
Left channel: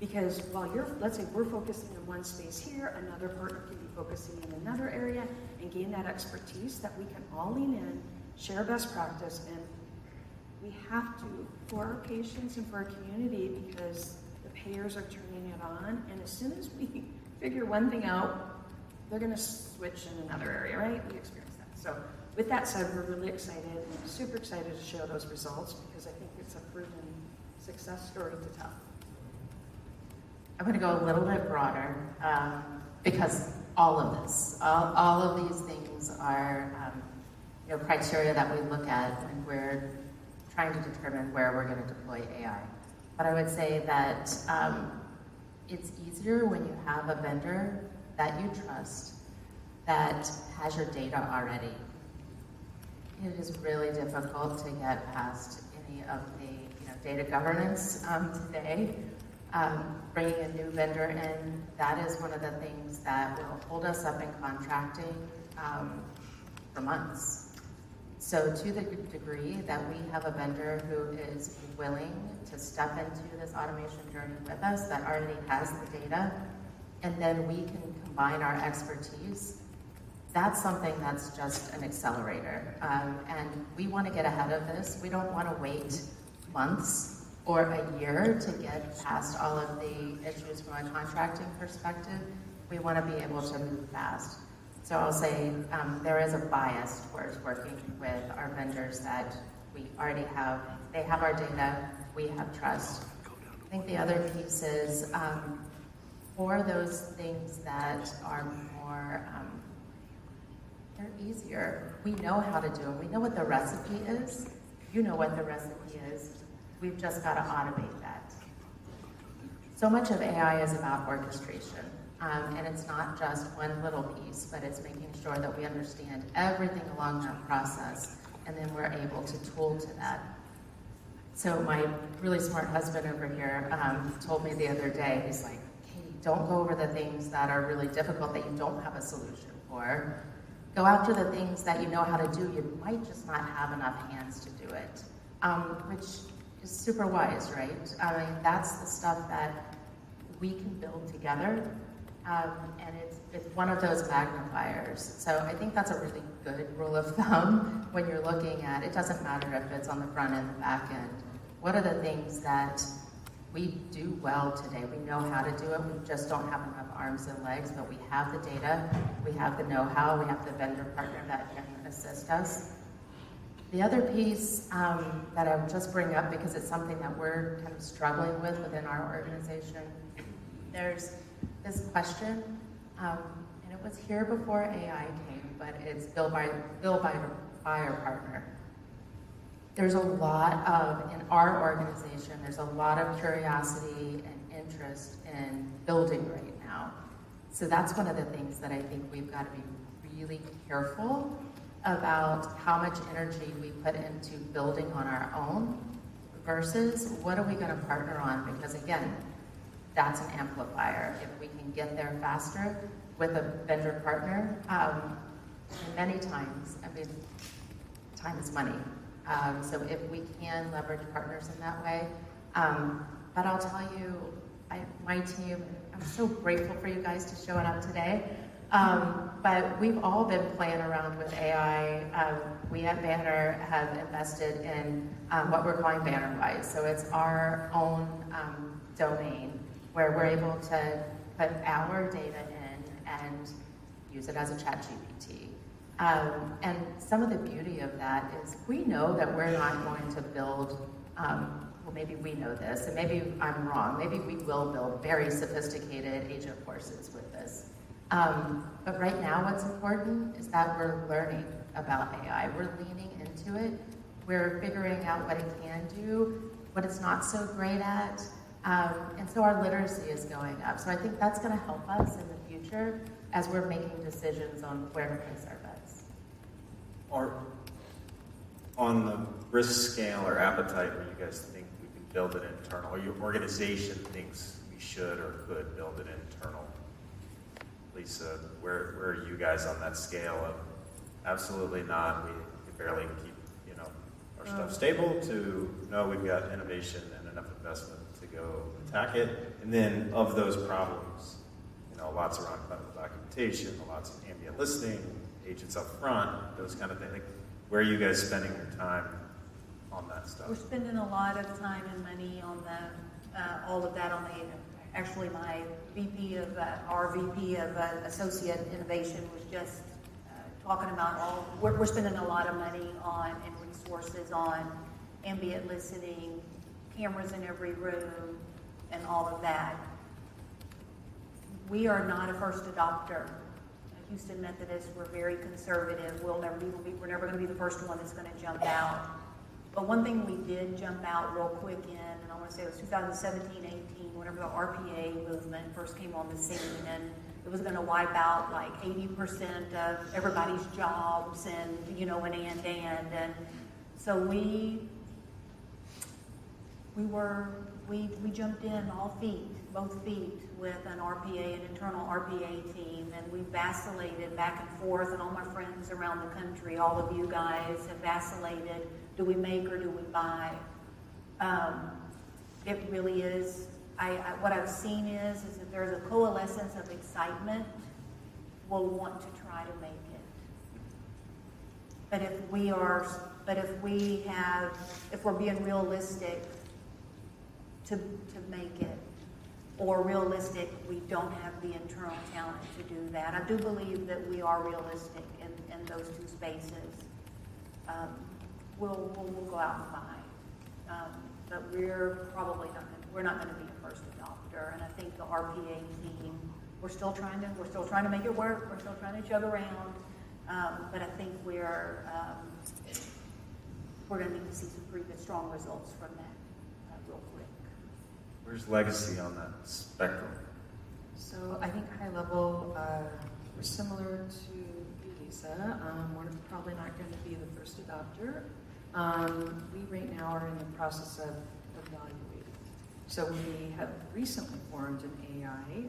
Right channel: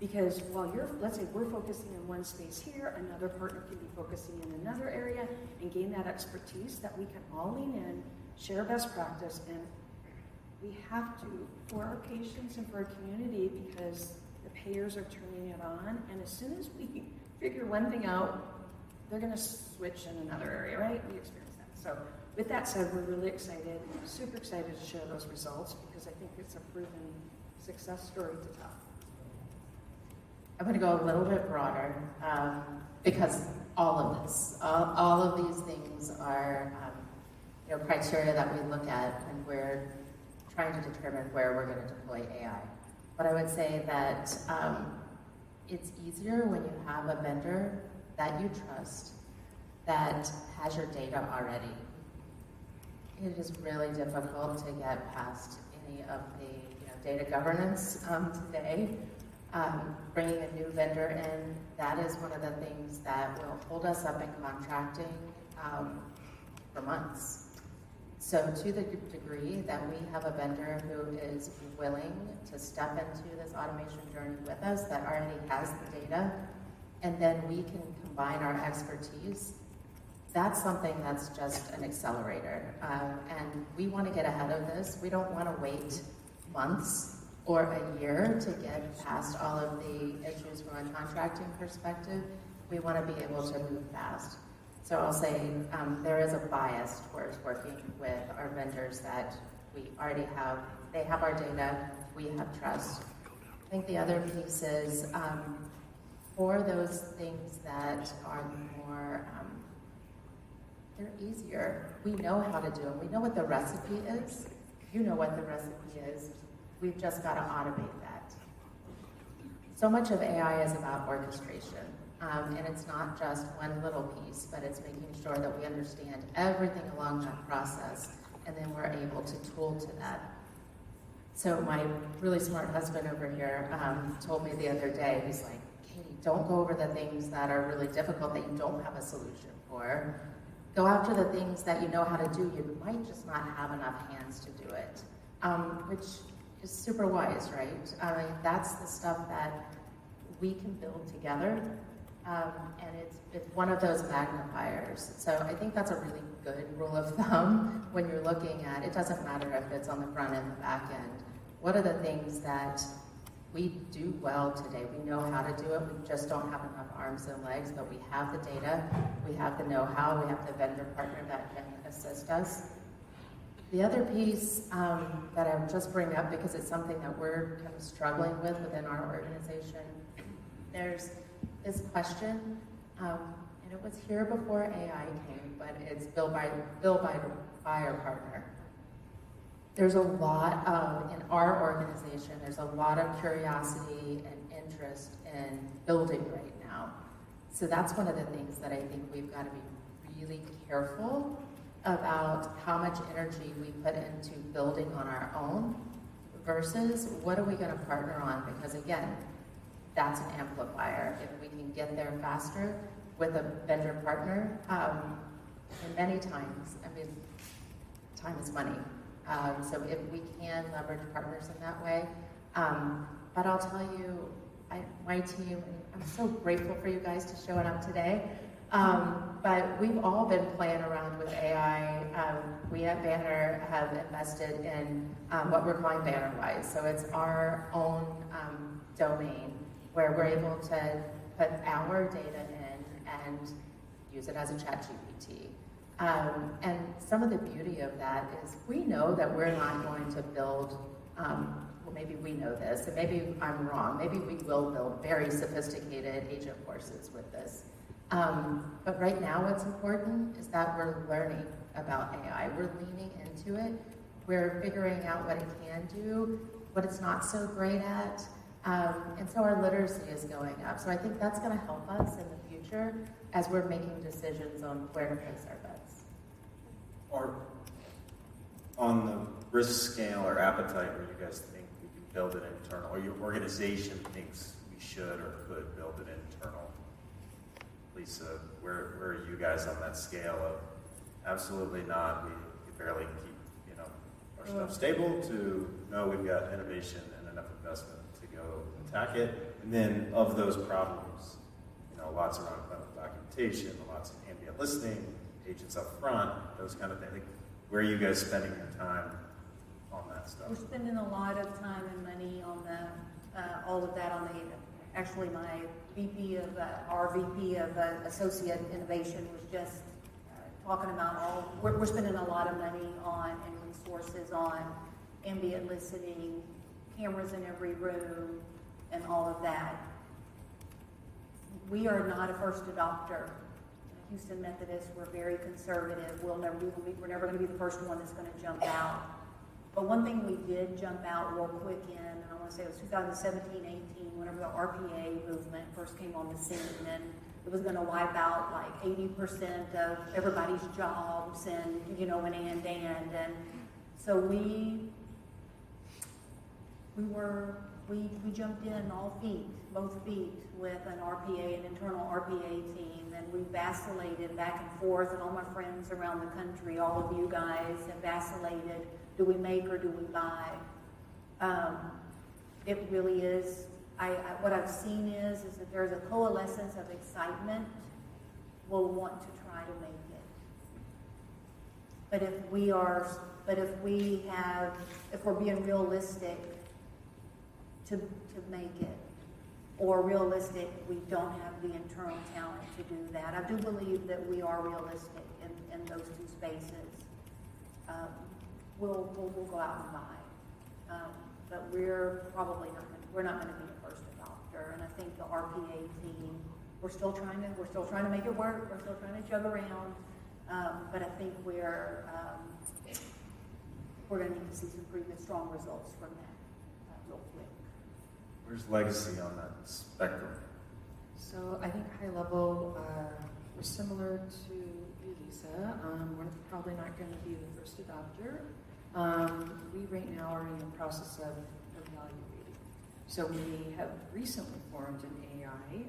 Because while let's say we're focusing in one space here, another partner can be focusing in another area and gain that expertise that we can all lean in, share best practice, and we have to, for our patients and for our community, because the payers are turning it on, and as soon as we figure one thing out, they're gonna switch in another area, right? We experience that. So with that said, we're really excited, super excited to share those results, because I think it's a proven success story to tell. I'm going to go a little bit broader because all of these things are criteria that we look at when we're trying to determine where we're going to deploy AI. But I would say that it's easier when you have a vendor that you trust that has your data already. It is really difficult to get past any of the data governance today. Bringing a new vendor in, that is one of the things that will hold us up in contracting for months. So to the degree that we have a vendor who is willing to step into this automation journey with us, that already has the data, and then we can combine our expertise, that's something that's just an accelerator. And we want to get ahead of this. We don't want to wait months or a year to get past all of the issues from a contracting perspective. We want to be able to move fast. So I'll say there is a bias towards working with our vendors that we already have. They have our data, we have trust. I think the other piece is for those things that are more, they're easier. We know how to do them. We know what the recipe is. You know what the recipe is. We've just got to automate that. So much of AI is about orchestration, and it's not just one little piece, but it's making sure that we understand everything along that process, and then we're able to tool to that. So my really smart husband over here told me the other day, he's like, Katie, don't go over the things that are really difficult that you don't have a solution for. Go after the things that you know how to do. You might just not have enough hands to do it, which is super wise, right? I mean, that's the stuff that we can build together, and it's one of those magnifiers. So I think that's a really good rule of thumb when you're looking at, it doesn't matter if it's on the front end or back end. What are the things that we do well today? We know how to do it, we just don't have enough arms and legs, but we have the data, we have the know-how, we have the vendor partner that can assist us. The other piece that I would just bring up, because it's something that we're kind of struggling with within our organization, there's this question, and it was here before AI came, but it's build by our partner. There's a lot of, in our organization, there's a lot of curiosity and interest in building right now. So that's one of the things that I think we've got to be really careful about how much energy we put into building on our own versus what are we going to partner on, because again, that's an amplifier. If we can get there faster with a vendor partner, and many times, I mean, time is money. So if we can leverage partners in that way, but I'll tell you, my team, I'm so grateful for you guys to showing up today. But we've all been playing around with AI. We at Banner have invested in what we're calling BannerWise. So it's our own domain where we're able to put our data in and use it as a chat GPT. And some of the beauty of that is we know that we're not going to build, well, maybe we know this, and maybe I'm wrong, maybe we will build very sophisticated agent forces with this. But right now what's important is that we're learning about AI. We're leaning into it. We're figuring out what it can do, what it's not so great at. And so our literacy is going up. So I think that's going to help us in the future as we're making decisions on where to place our bets. Or on the risk scale or appetite, where you guys think we can build it internal, or your organization thinks we should or could build it internal. Lisa, where are you guys on that scale of absolutely not, we can barely keep, our stuff stable, to no, we've got innovation and enough investment to go attack it, and then of those problems, lots around clinical documentation, lots of ambient listening, agents up front, those kind of things. Like, where are you guys spending your time on that stuff? We're spending a lot of time and money on all of that on the, actually my VP of, our VP of Associate Innovation was just talking about we're spending a lot of money on and resources on ambient listening, cameras in every room, and all of that. We are not a first adopter. Houston Methodist, we're very conservative. We're never going to be the first one that's going to jump out. But one thing we did jump out real quick in, and I want to say it was 2017, 18, whenever the RPA movement first came on the scene, and it was going to wipe out like 80% of everybody's jobs, and and so we jumped in both feet with an RPA, an internal RPA team, and we vacillated back and forth, and all my friends around the country, all of you guys have vacillated. Do we make or do we buy? It really is, what I've seen is that there's a coalescence of excitement. We'll want to try to make it. But if we're being realistic to make it, or realistic, we don't have the internal talent to do that. I do believe that we are realistic in those two spaces. We'll go out and buy, but we're probably not going to be a first adopter. And I think the RPA team, we're still trying to make it work. We're still trying to jug around, but I think we're going to need to see some pretty good, strong results from that real quick. Where's legacy on that spectrum? So I think high level, we're similar to you, Lisa. We're probably not going to be the first adopter. We right now are in the process of evaluating. So we have recently formed an AI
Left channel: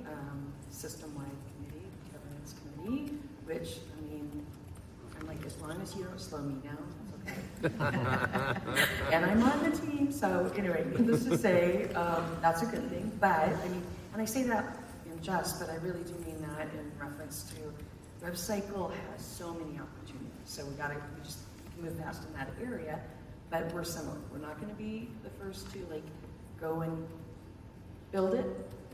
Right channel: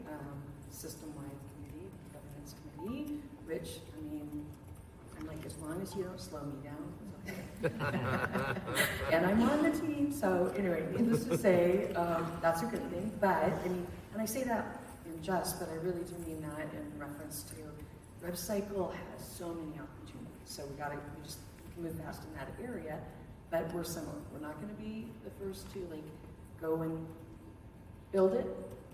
system-wide committee, governance committee, which, I'm like, as long as you don't slow me down, it's okay. And I'm on the team, so anyway, needless to say, that's a good thing. But, and I say that in jest, but I really do mean that in reference to WebCycle has so many opportunities. So we just move fast in that area, but we're similar. We're not going to be the first to go and build it,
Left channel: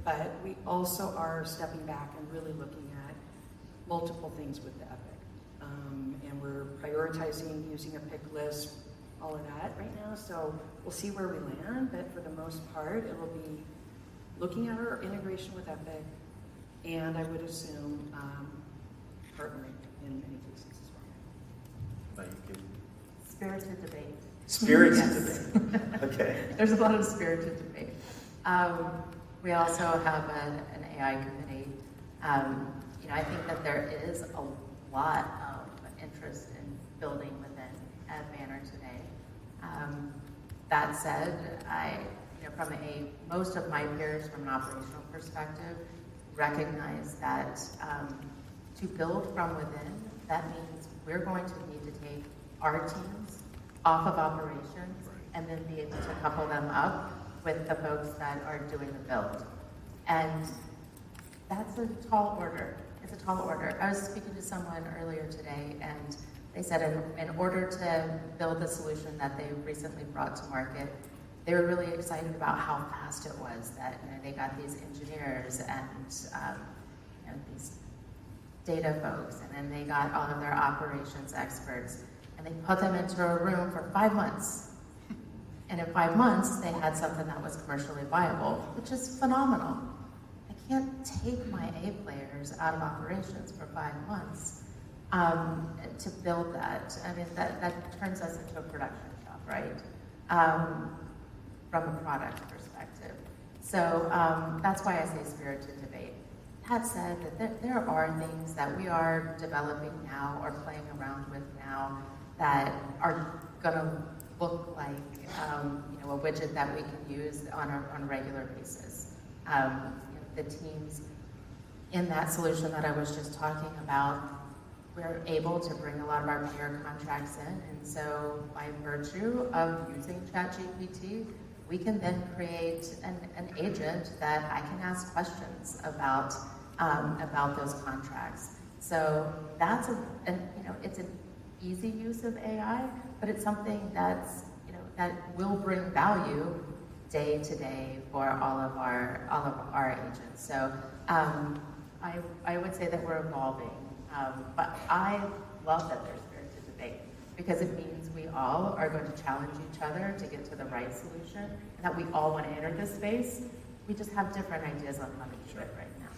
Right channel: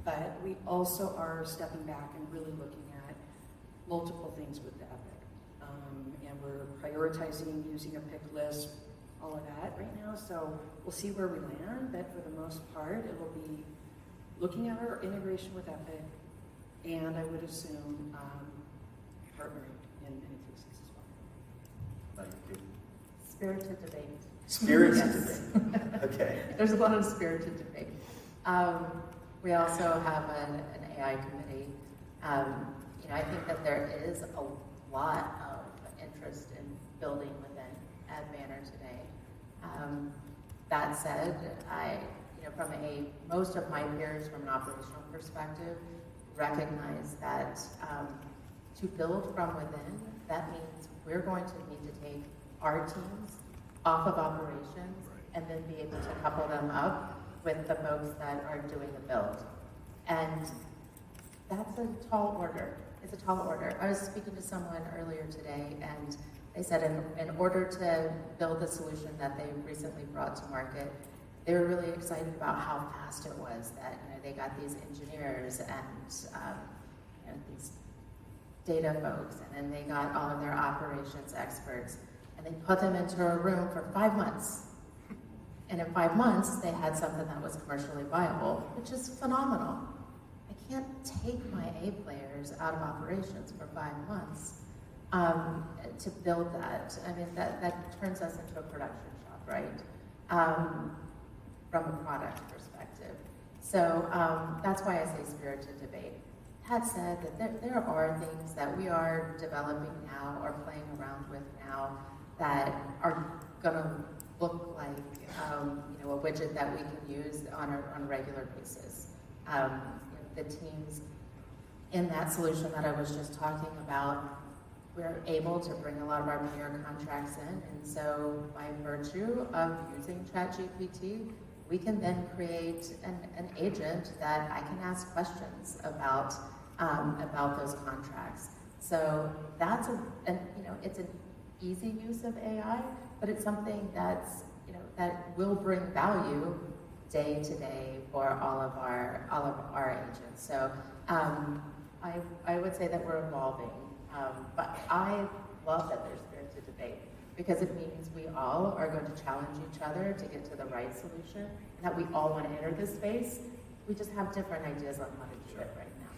but we also are stepping back and really looking at multiple things with the Epic. And we're prioritizing using a pick list, all of that right now. So we'll see where we land, but for the most part, it will be looking at our integration with Epic, and I would assume partnering in many cases as well. Thank you. Spirited debate. Spirited Yes. debate. Okay. There's a lot of spirited debate. We also have an AI committee. I think that there is a lot of interest in building within Banner today. That said, most of my peers from an operational perspective recognize that to build from within, that means we're going to need to take our teams off of operations and then be able to couple them up with the folks that are doing the build. And that's a tall order. It's a tall order. I was speaking to someone earlier today, and they said in order to build the solution that they recently brought to market, they were really excited about how fast it was that they got these engineers and these data folks, and then they got all of their operations experts, and they put them into a room for 5 months. And in 5 months, they had something that was commercially viable, which is phenomenal. I can't take my A players out of operations for 5 months to build that. I mean, that turns us into a production shop, right? From a product perspective. So that's why I say spirited debate. That said, that there are things that we are developing now or playing around with now that are going to look like a widget that we can use on a regular basis. The teams in that solution that I was just talking about, we're able to bring a lot of our peer contracts in, and so by virtue of using ChatGPT, we can then create an agent that I can ask questions about those contracts. So that's it's an easy use of AI, but it's something that will bring value day to day for all of our agents. So I would say that we're evolving, but I love that there's spirited debate, because it means we all are going to challenge each other to get to the right solution, and that we all want to enter this space. We just have different ideas on how to do it right now.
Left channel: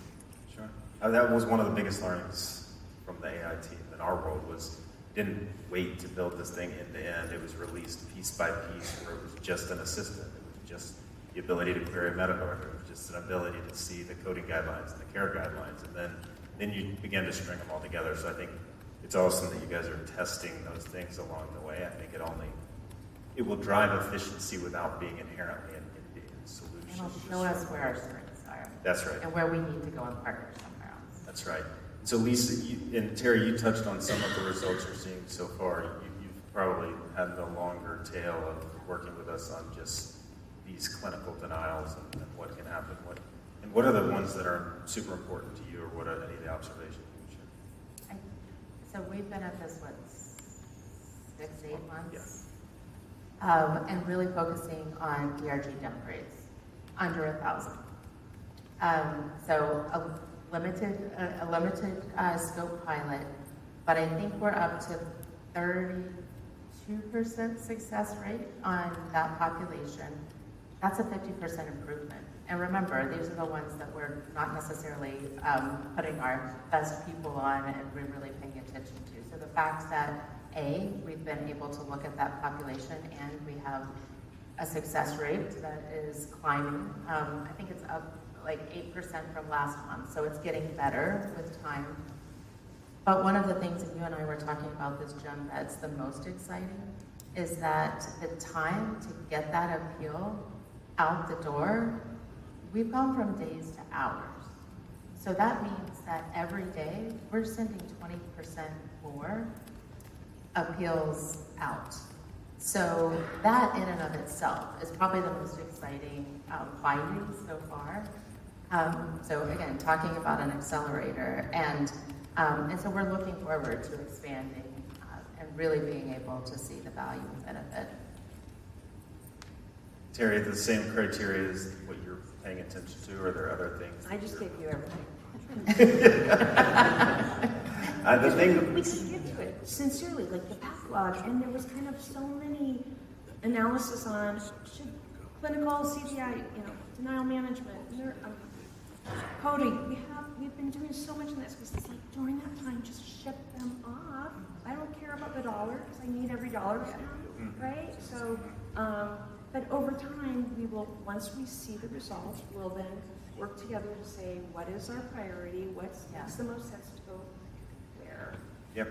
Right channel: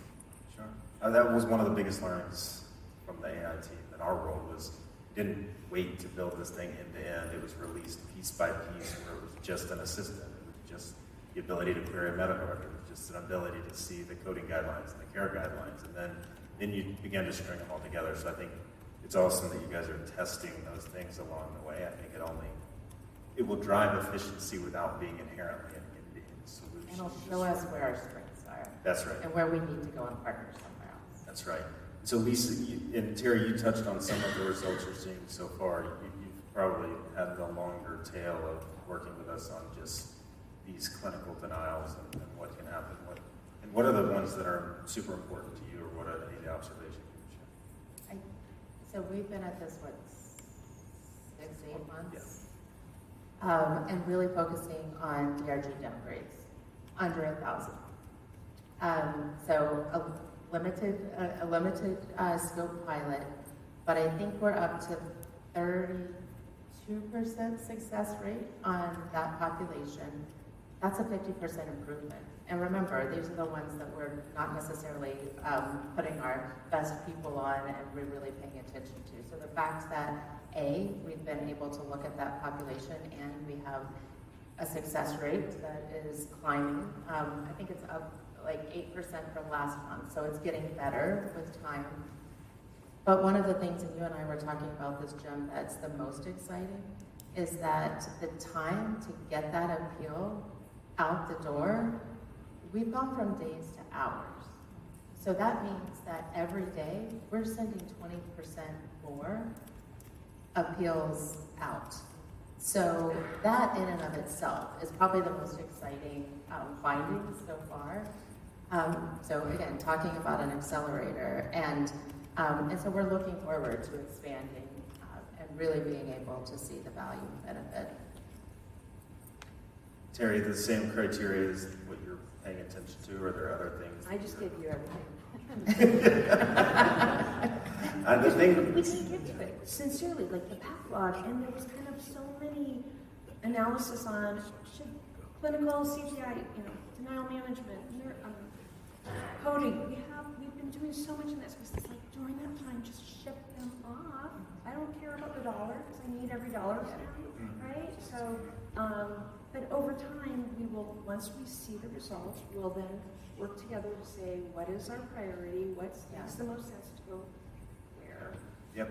Sure. That was one of the biggest learnings from the AI team in our role was didn't wait to build this thing end to end. It was released piece by piece, where it was just an assistant. It was just the ability to query medical record. It was just an ability to see the coding guidelines and the care guidelines, and then you begin to string them all together. So I think it's awesome that you guys are testing those things along the way. I think it will drive efficiency without being inherently an end-to-end solution. It'll show us where our strengths are. That's right. And where we need to go and partner somewhere else. That's right. So Lisa and Terry, you touched on some of the results you're seeing so far. You've probably had the longer tail of working with us on just these clinical denials and what can happen. What are the ones that are super important to you, or what are any of the observations you can share? So we've been at this, 6, 8 months? Yes. And really focusing on DRG downgrades, under 1,000. So a limited scope pilot, but I think we're up to 32% success rate on that population. That's a 50% improvement. And remember, these are the ones that we're not necessarily putting our best people on and we're really paying attention to. So the fact that we've been able to look at that population and we have a success rate that is climbing. I think it's up like 8% from last month, so it's getting better with time. But one of the things that you and I were talking about this, Jim, that's the most exciting is that the time to get that appeal out the door, we've gone from days to hours. So that means that every day we're sending 20% more appeals out. So that in and of itself is probably the most exciting findings so far. So again, talking about an accelerator, and so we're looking forward to expanding and really being able to see the value and benefit. Terry, the same criteria as what you're paying attention to, or are there other things? I just gave you everything. We couldn't get to it, sincerely, like the backlog, and there was kind of so many analysis on should clinical CGI, denial management, coding. We've been doing so much in this because it's like during that time, just ship them off. I don't care about the dollar because I need every dollar spent, right? So, but over time, we will, once we see the results, we'll then work together to say what is our priority, what makes the most sense to go where. Yep.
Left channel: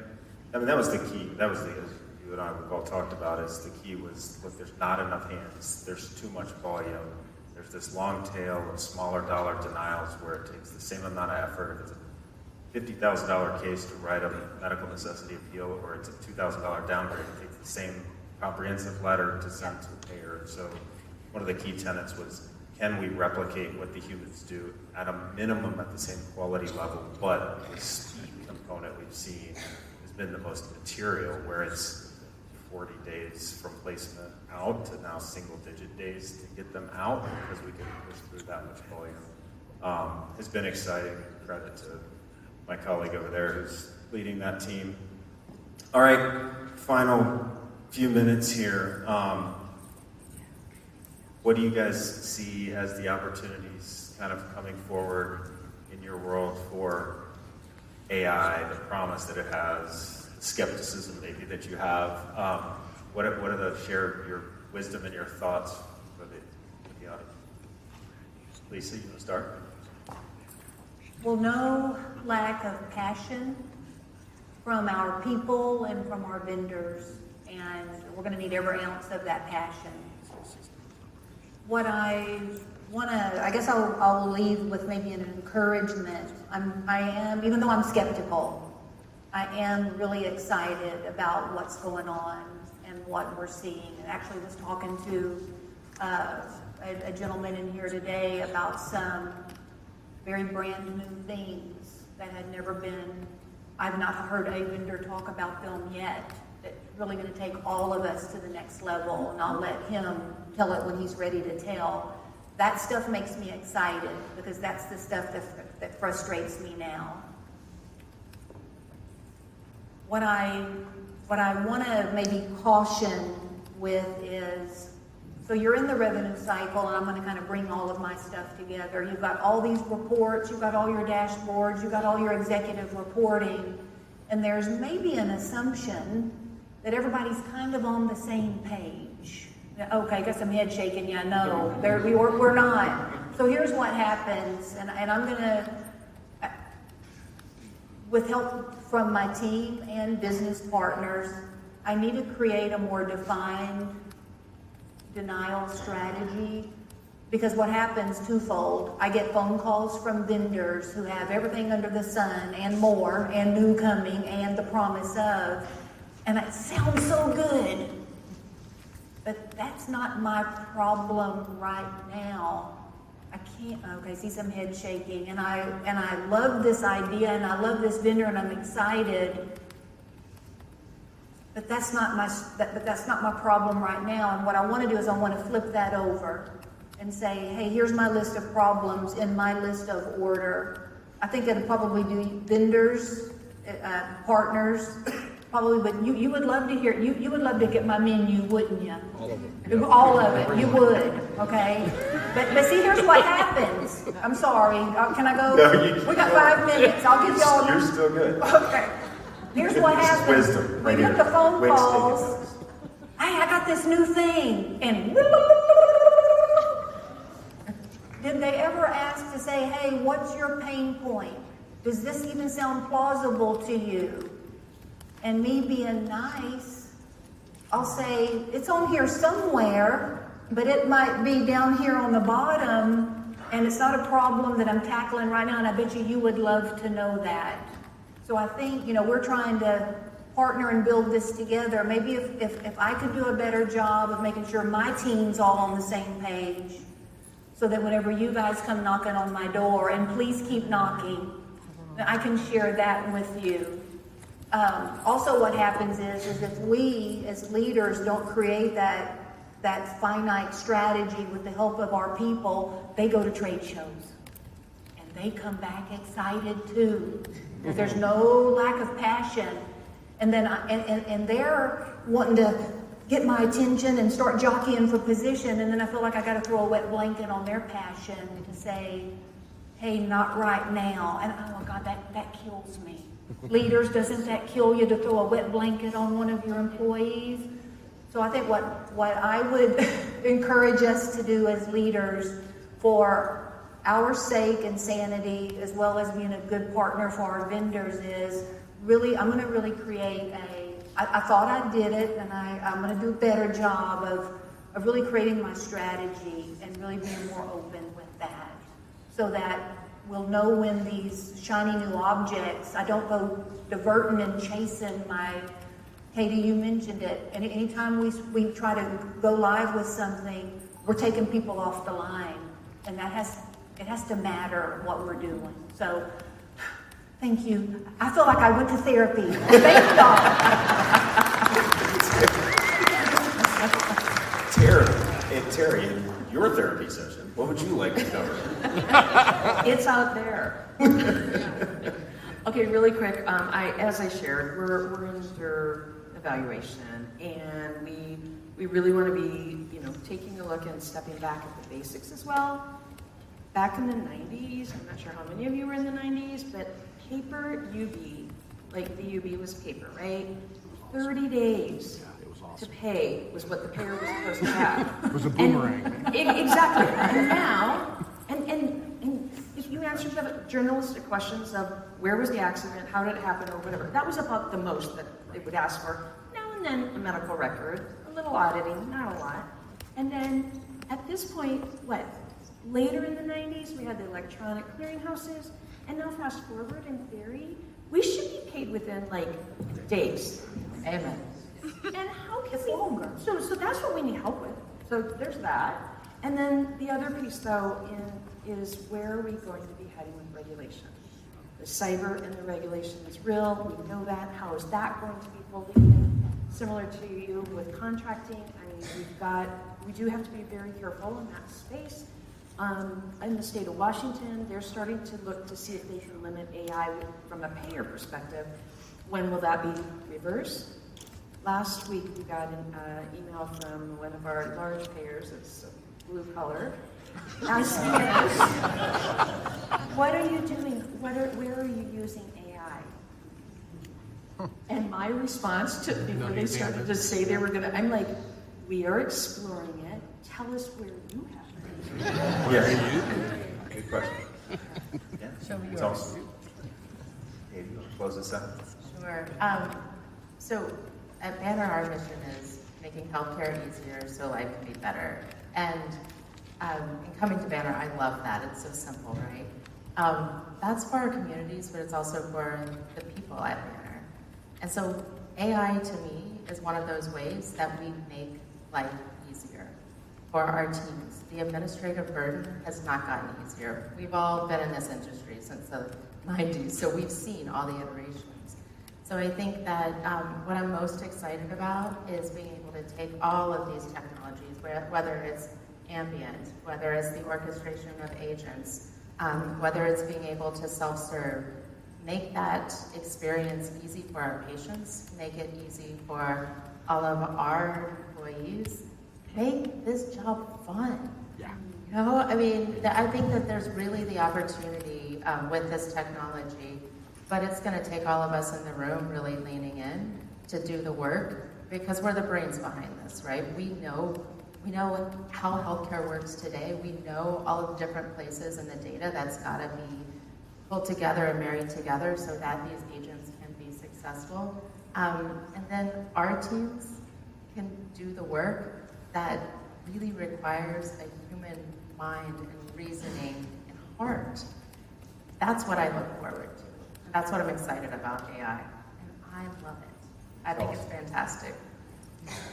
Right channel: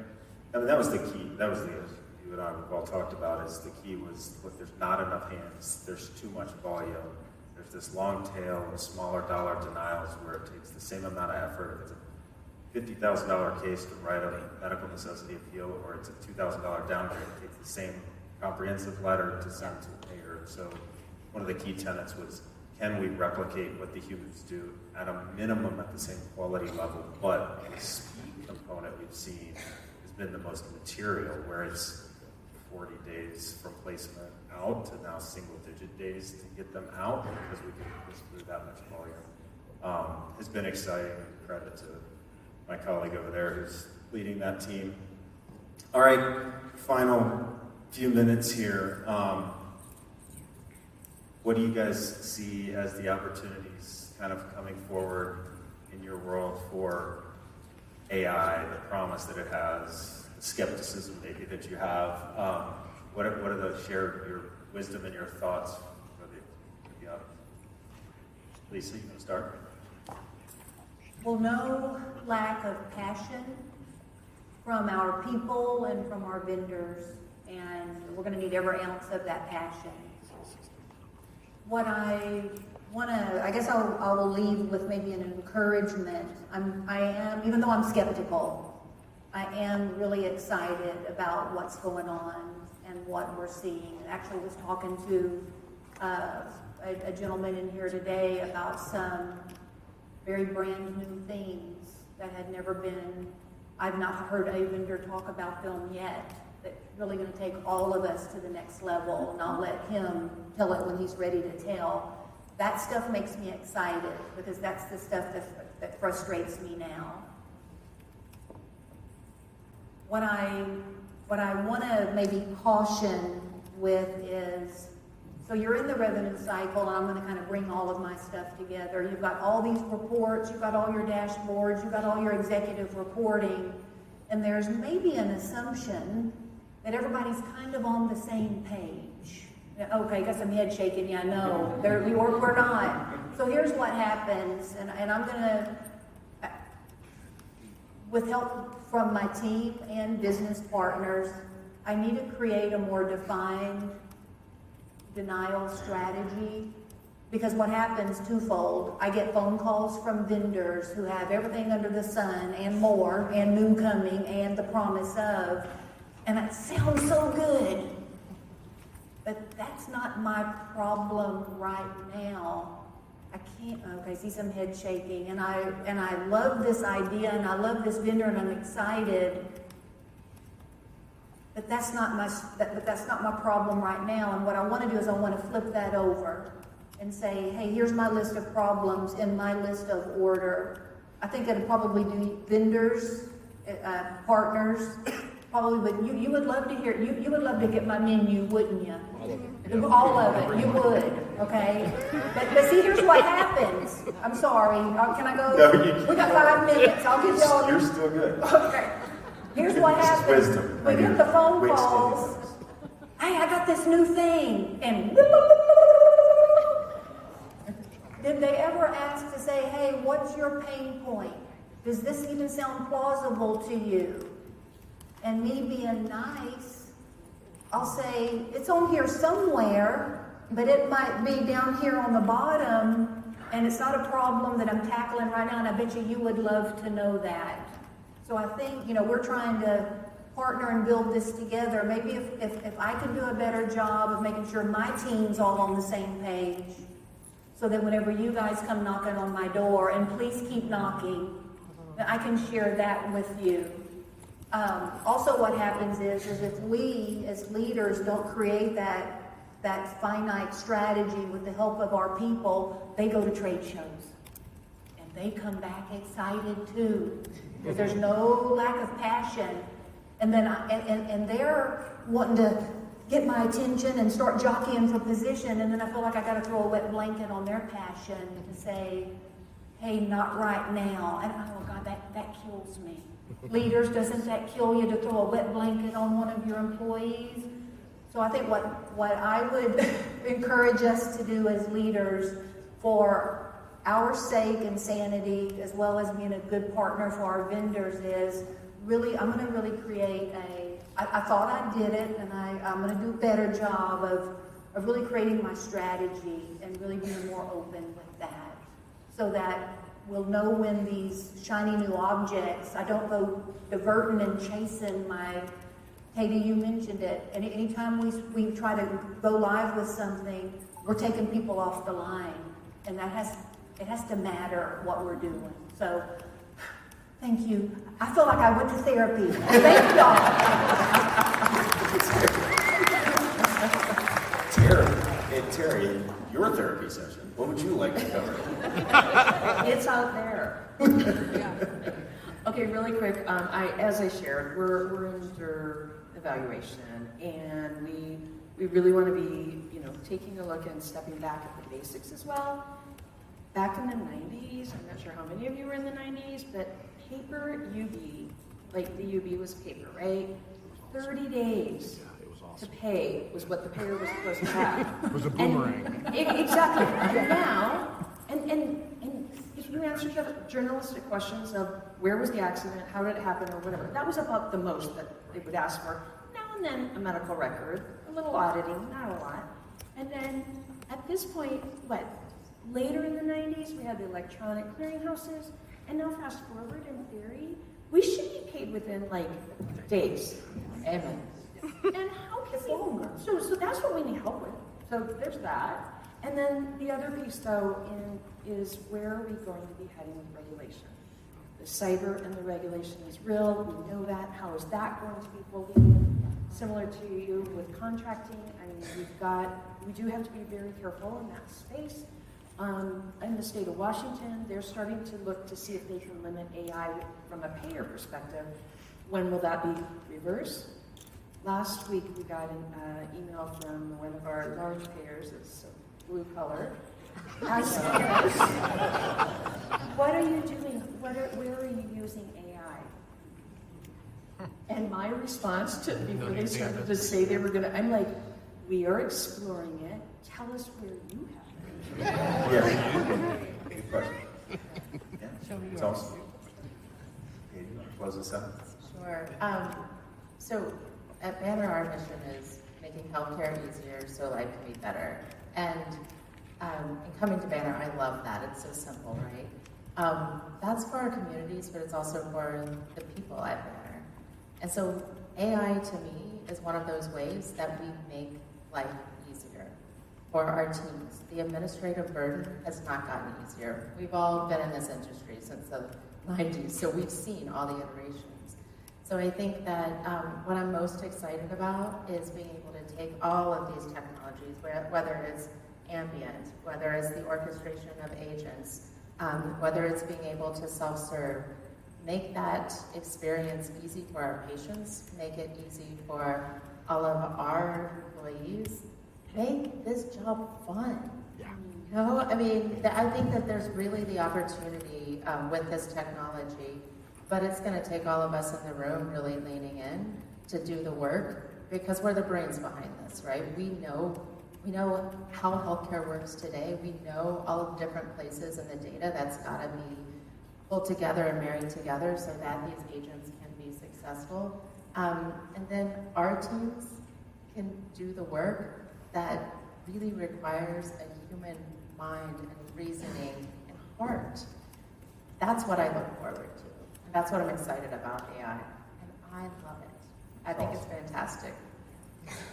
I mean, that was the key. That was you and I have all talked about is the key was, look, there's not enough hands. There's too much volume. There's this long tail of smaller dollar denials where it takes the same amount of effort. If it's a $50,000 case to write a medical necessity appeal, or it's a $2,000 downgrade, it takes the same comprehensive letter to send to a payer. So one of the key tenets was, can we replicate what the humans do at a minimum at the same quality level, but the speed component we've seen has been the most material, where it's 40 days days from placement out to now single-digit days to get them out because we can push through that much volume. Has been exciting, and credit to my colleague over there who's leading that team. All right, final few minutes here. What do you guys see as the opportunities kind of coming forward in your world for AI, the promise that it has, the skepticism maybe that you have? What are the share your wisdom and your thoughts for the audience? Lisa, you want to start? Well, no lack of passion from our people and from our vendors, and we're going to need every ounce of that passion. What I want to, I guess I'll leave with maybe an encouragement. I am, even though I'm skeptical, I am really excited about what's going on and what we're seeing. I actually was talking to a gentleman in here today about some very brand new things that had never been, I've not heard a vendor talk about them yet, that's really going to take all of us to the next level, and I'll let him tell it when he's ready to tell. That stuff makes me excited because that's the stuff that frustrates me now. What I want to maybe caution with is, so you're in the revenue cycle, and I'm going to kind of bring all of my stuff together. You've got all these reports, you've got all your dashboards, you've got all your executive reporting, and there's maybe an assumption that everybody's kind of on the same page. Okay, got some head shaking, yeah, no, we're not. So here's what happens, and I'm going to, with help from my team and business partners, I need to create a more defined denial strategy, because what happens twofold. I get phone calls from vendors who have everything under the sun and more, and new coming, and the promise of, and it sounds so good, but that's not my problem right now. I can't, okay, see some head shaking, and I love this idea, and I love this vendor, and I'm excited, but that's not my problem right now. And what I want to do is I want to flip that over and say, hey, here's my list of problems in my list of order. I think that'll probably do vendors, partners, probably, but you would love to hear, you would love to get my menu, wouldn't you? All of it, you would, okay? But see, here's what happens. I'm sorry, can I go? No, We got 5 minutes, I'll give y'all. You're still good. Okay. Here's what happens. Wisdom. We get the phone Wait, calls. Hey, I got this new thing. And did they ever ask to say, hey, what's your pain point? Does this even sound plausible to you? And me being nice, I'll say, it's on here somewhere, but it might be down here on the bottom, and it's not a problem that I'm tackling right now, and I bet you would love to know that. So I think, we're trying to partner and build this together. Maybe if I could do a better job of making sure my team's all on the same page, so that whenever you guys come knocking on my door, and please keep knocking, I can share that with you. Also what happens is if we as leaders don't create that finite strategy with the help of our people, they go to trade shows. And they come back excited too. There's no lack of passion. And then and they're wanting to get my attention and start jockeying for position, and then I feel like I got to throw a wet blanket on their passion to say, hey, not right now. And oh God, that kills me. Leaders, doesn't that kill you to throw a wet blanket on one of your employees? So I think what I would encourage us to do as leaders, for our sake and sanity, as well as being a good partner for our vendors, is really, I'm going to really create I thought I did it, and I'm going to do a better job of really creating my strategy and really being more open with that, so that we'll know when these shiny new objects, I don't go diverting and chasing my, Katie, you mentioned it, and anytime we try to go live with something, we're taking people off the line, and it has to matter what we're doing. So, thank you. I feel like I went to therapy. Thank y'all. Terry, in your therapy session, what would you like to cover? It's out there. Okay, really quick. As I shared, we're under evaluation, and we really want to be, taking a look and stepping back at the basics as well. Back in the 90s, I'm not sure how many of you were in the 90s, but paper UB, like the UB was paper, right? 30 days to pay was what the payer was supposed to have. It was a boomerang. Exactly. And now, and if you answered the journalistic questions of where was the accident, how did it happen, or whatever, that was about the most that they would ask for. Now and then a medical record, a little auditing, not a lot. And then at this point, later in the 90s, we had the electronic clearinghouses, and now fast forward, in theory, we should be paid within days. Amen. And how can we? So that's what we need help with. So there's that. And then the other piece, though, is where are we going to be heading with regulation? The cyber and the regulation is real. We know that. How is that going to be folding in? Similar to you with contracting, we do have to be very careful in that space. In the state of Washington, they're starting to look to see if they can limit AI from a payer perspective. When will that be reversed? Last week, we got an email from one of our large payers, it's blue color, asking us, what are you doing? Where are you using AI? And my response to before they started to say they were gonna, I'm like, we are exploring it. Tell us where you have it. Yes. Good question. Yeah, it's awesome. Hey, you want to close this out? Sure. So at Banner, our mission is making healthcare easier so life can be better. And in coming to Banner, I love that. It's so simple, right? That's for our communities, but it's also for the people at Banner. And so AI to me is one of those ways that we make life easier for our teams. The administrative burden has not gotten easier. We've all been in this industry since the 90s, so we've seen all the iterations. So I think that what I'm most excited about is being able to take all of these technologies, whether it's ambient, whether it's the orchestration of agents, whether it's being able to self-serve, make that experience easy for our patients, make it easy for all of our employees, make this job fun. I mean, I think that there's really the opportunity with this technology, but it's going to take all of us in the room really leaning in to do the work, because we're the brains behind this, right? We know how healthcare works today. We know all of the different places in the data that's got to be pulled together and married together so that these agents can be successful. And then our teams can do the work that really requires a human mind and reasoning and heart. That's what I look forward to. And that's what I'm excited about AI. And I love it. I think it's fantastic.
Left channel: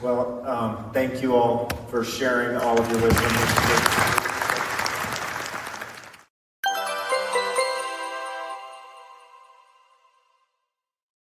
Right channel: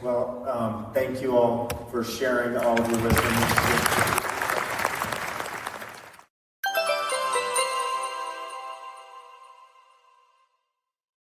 Well, thank you all for sharing all of your wisdom.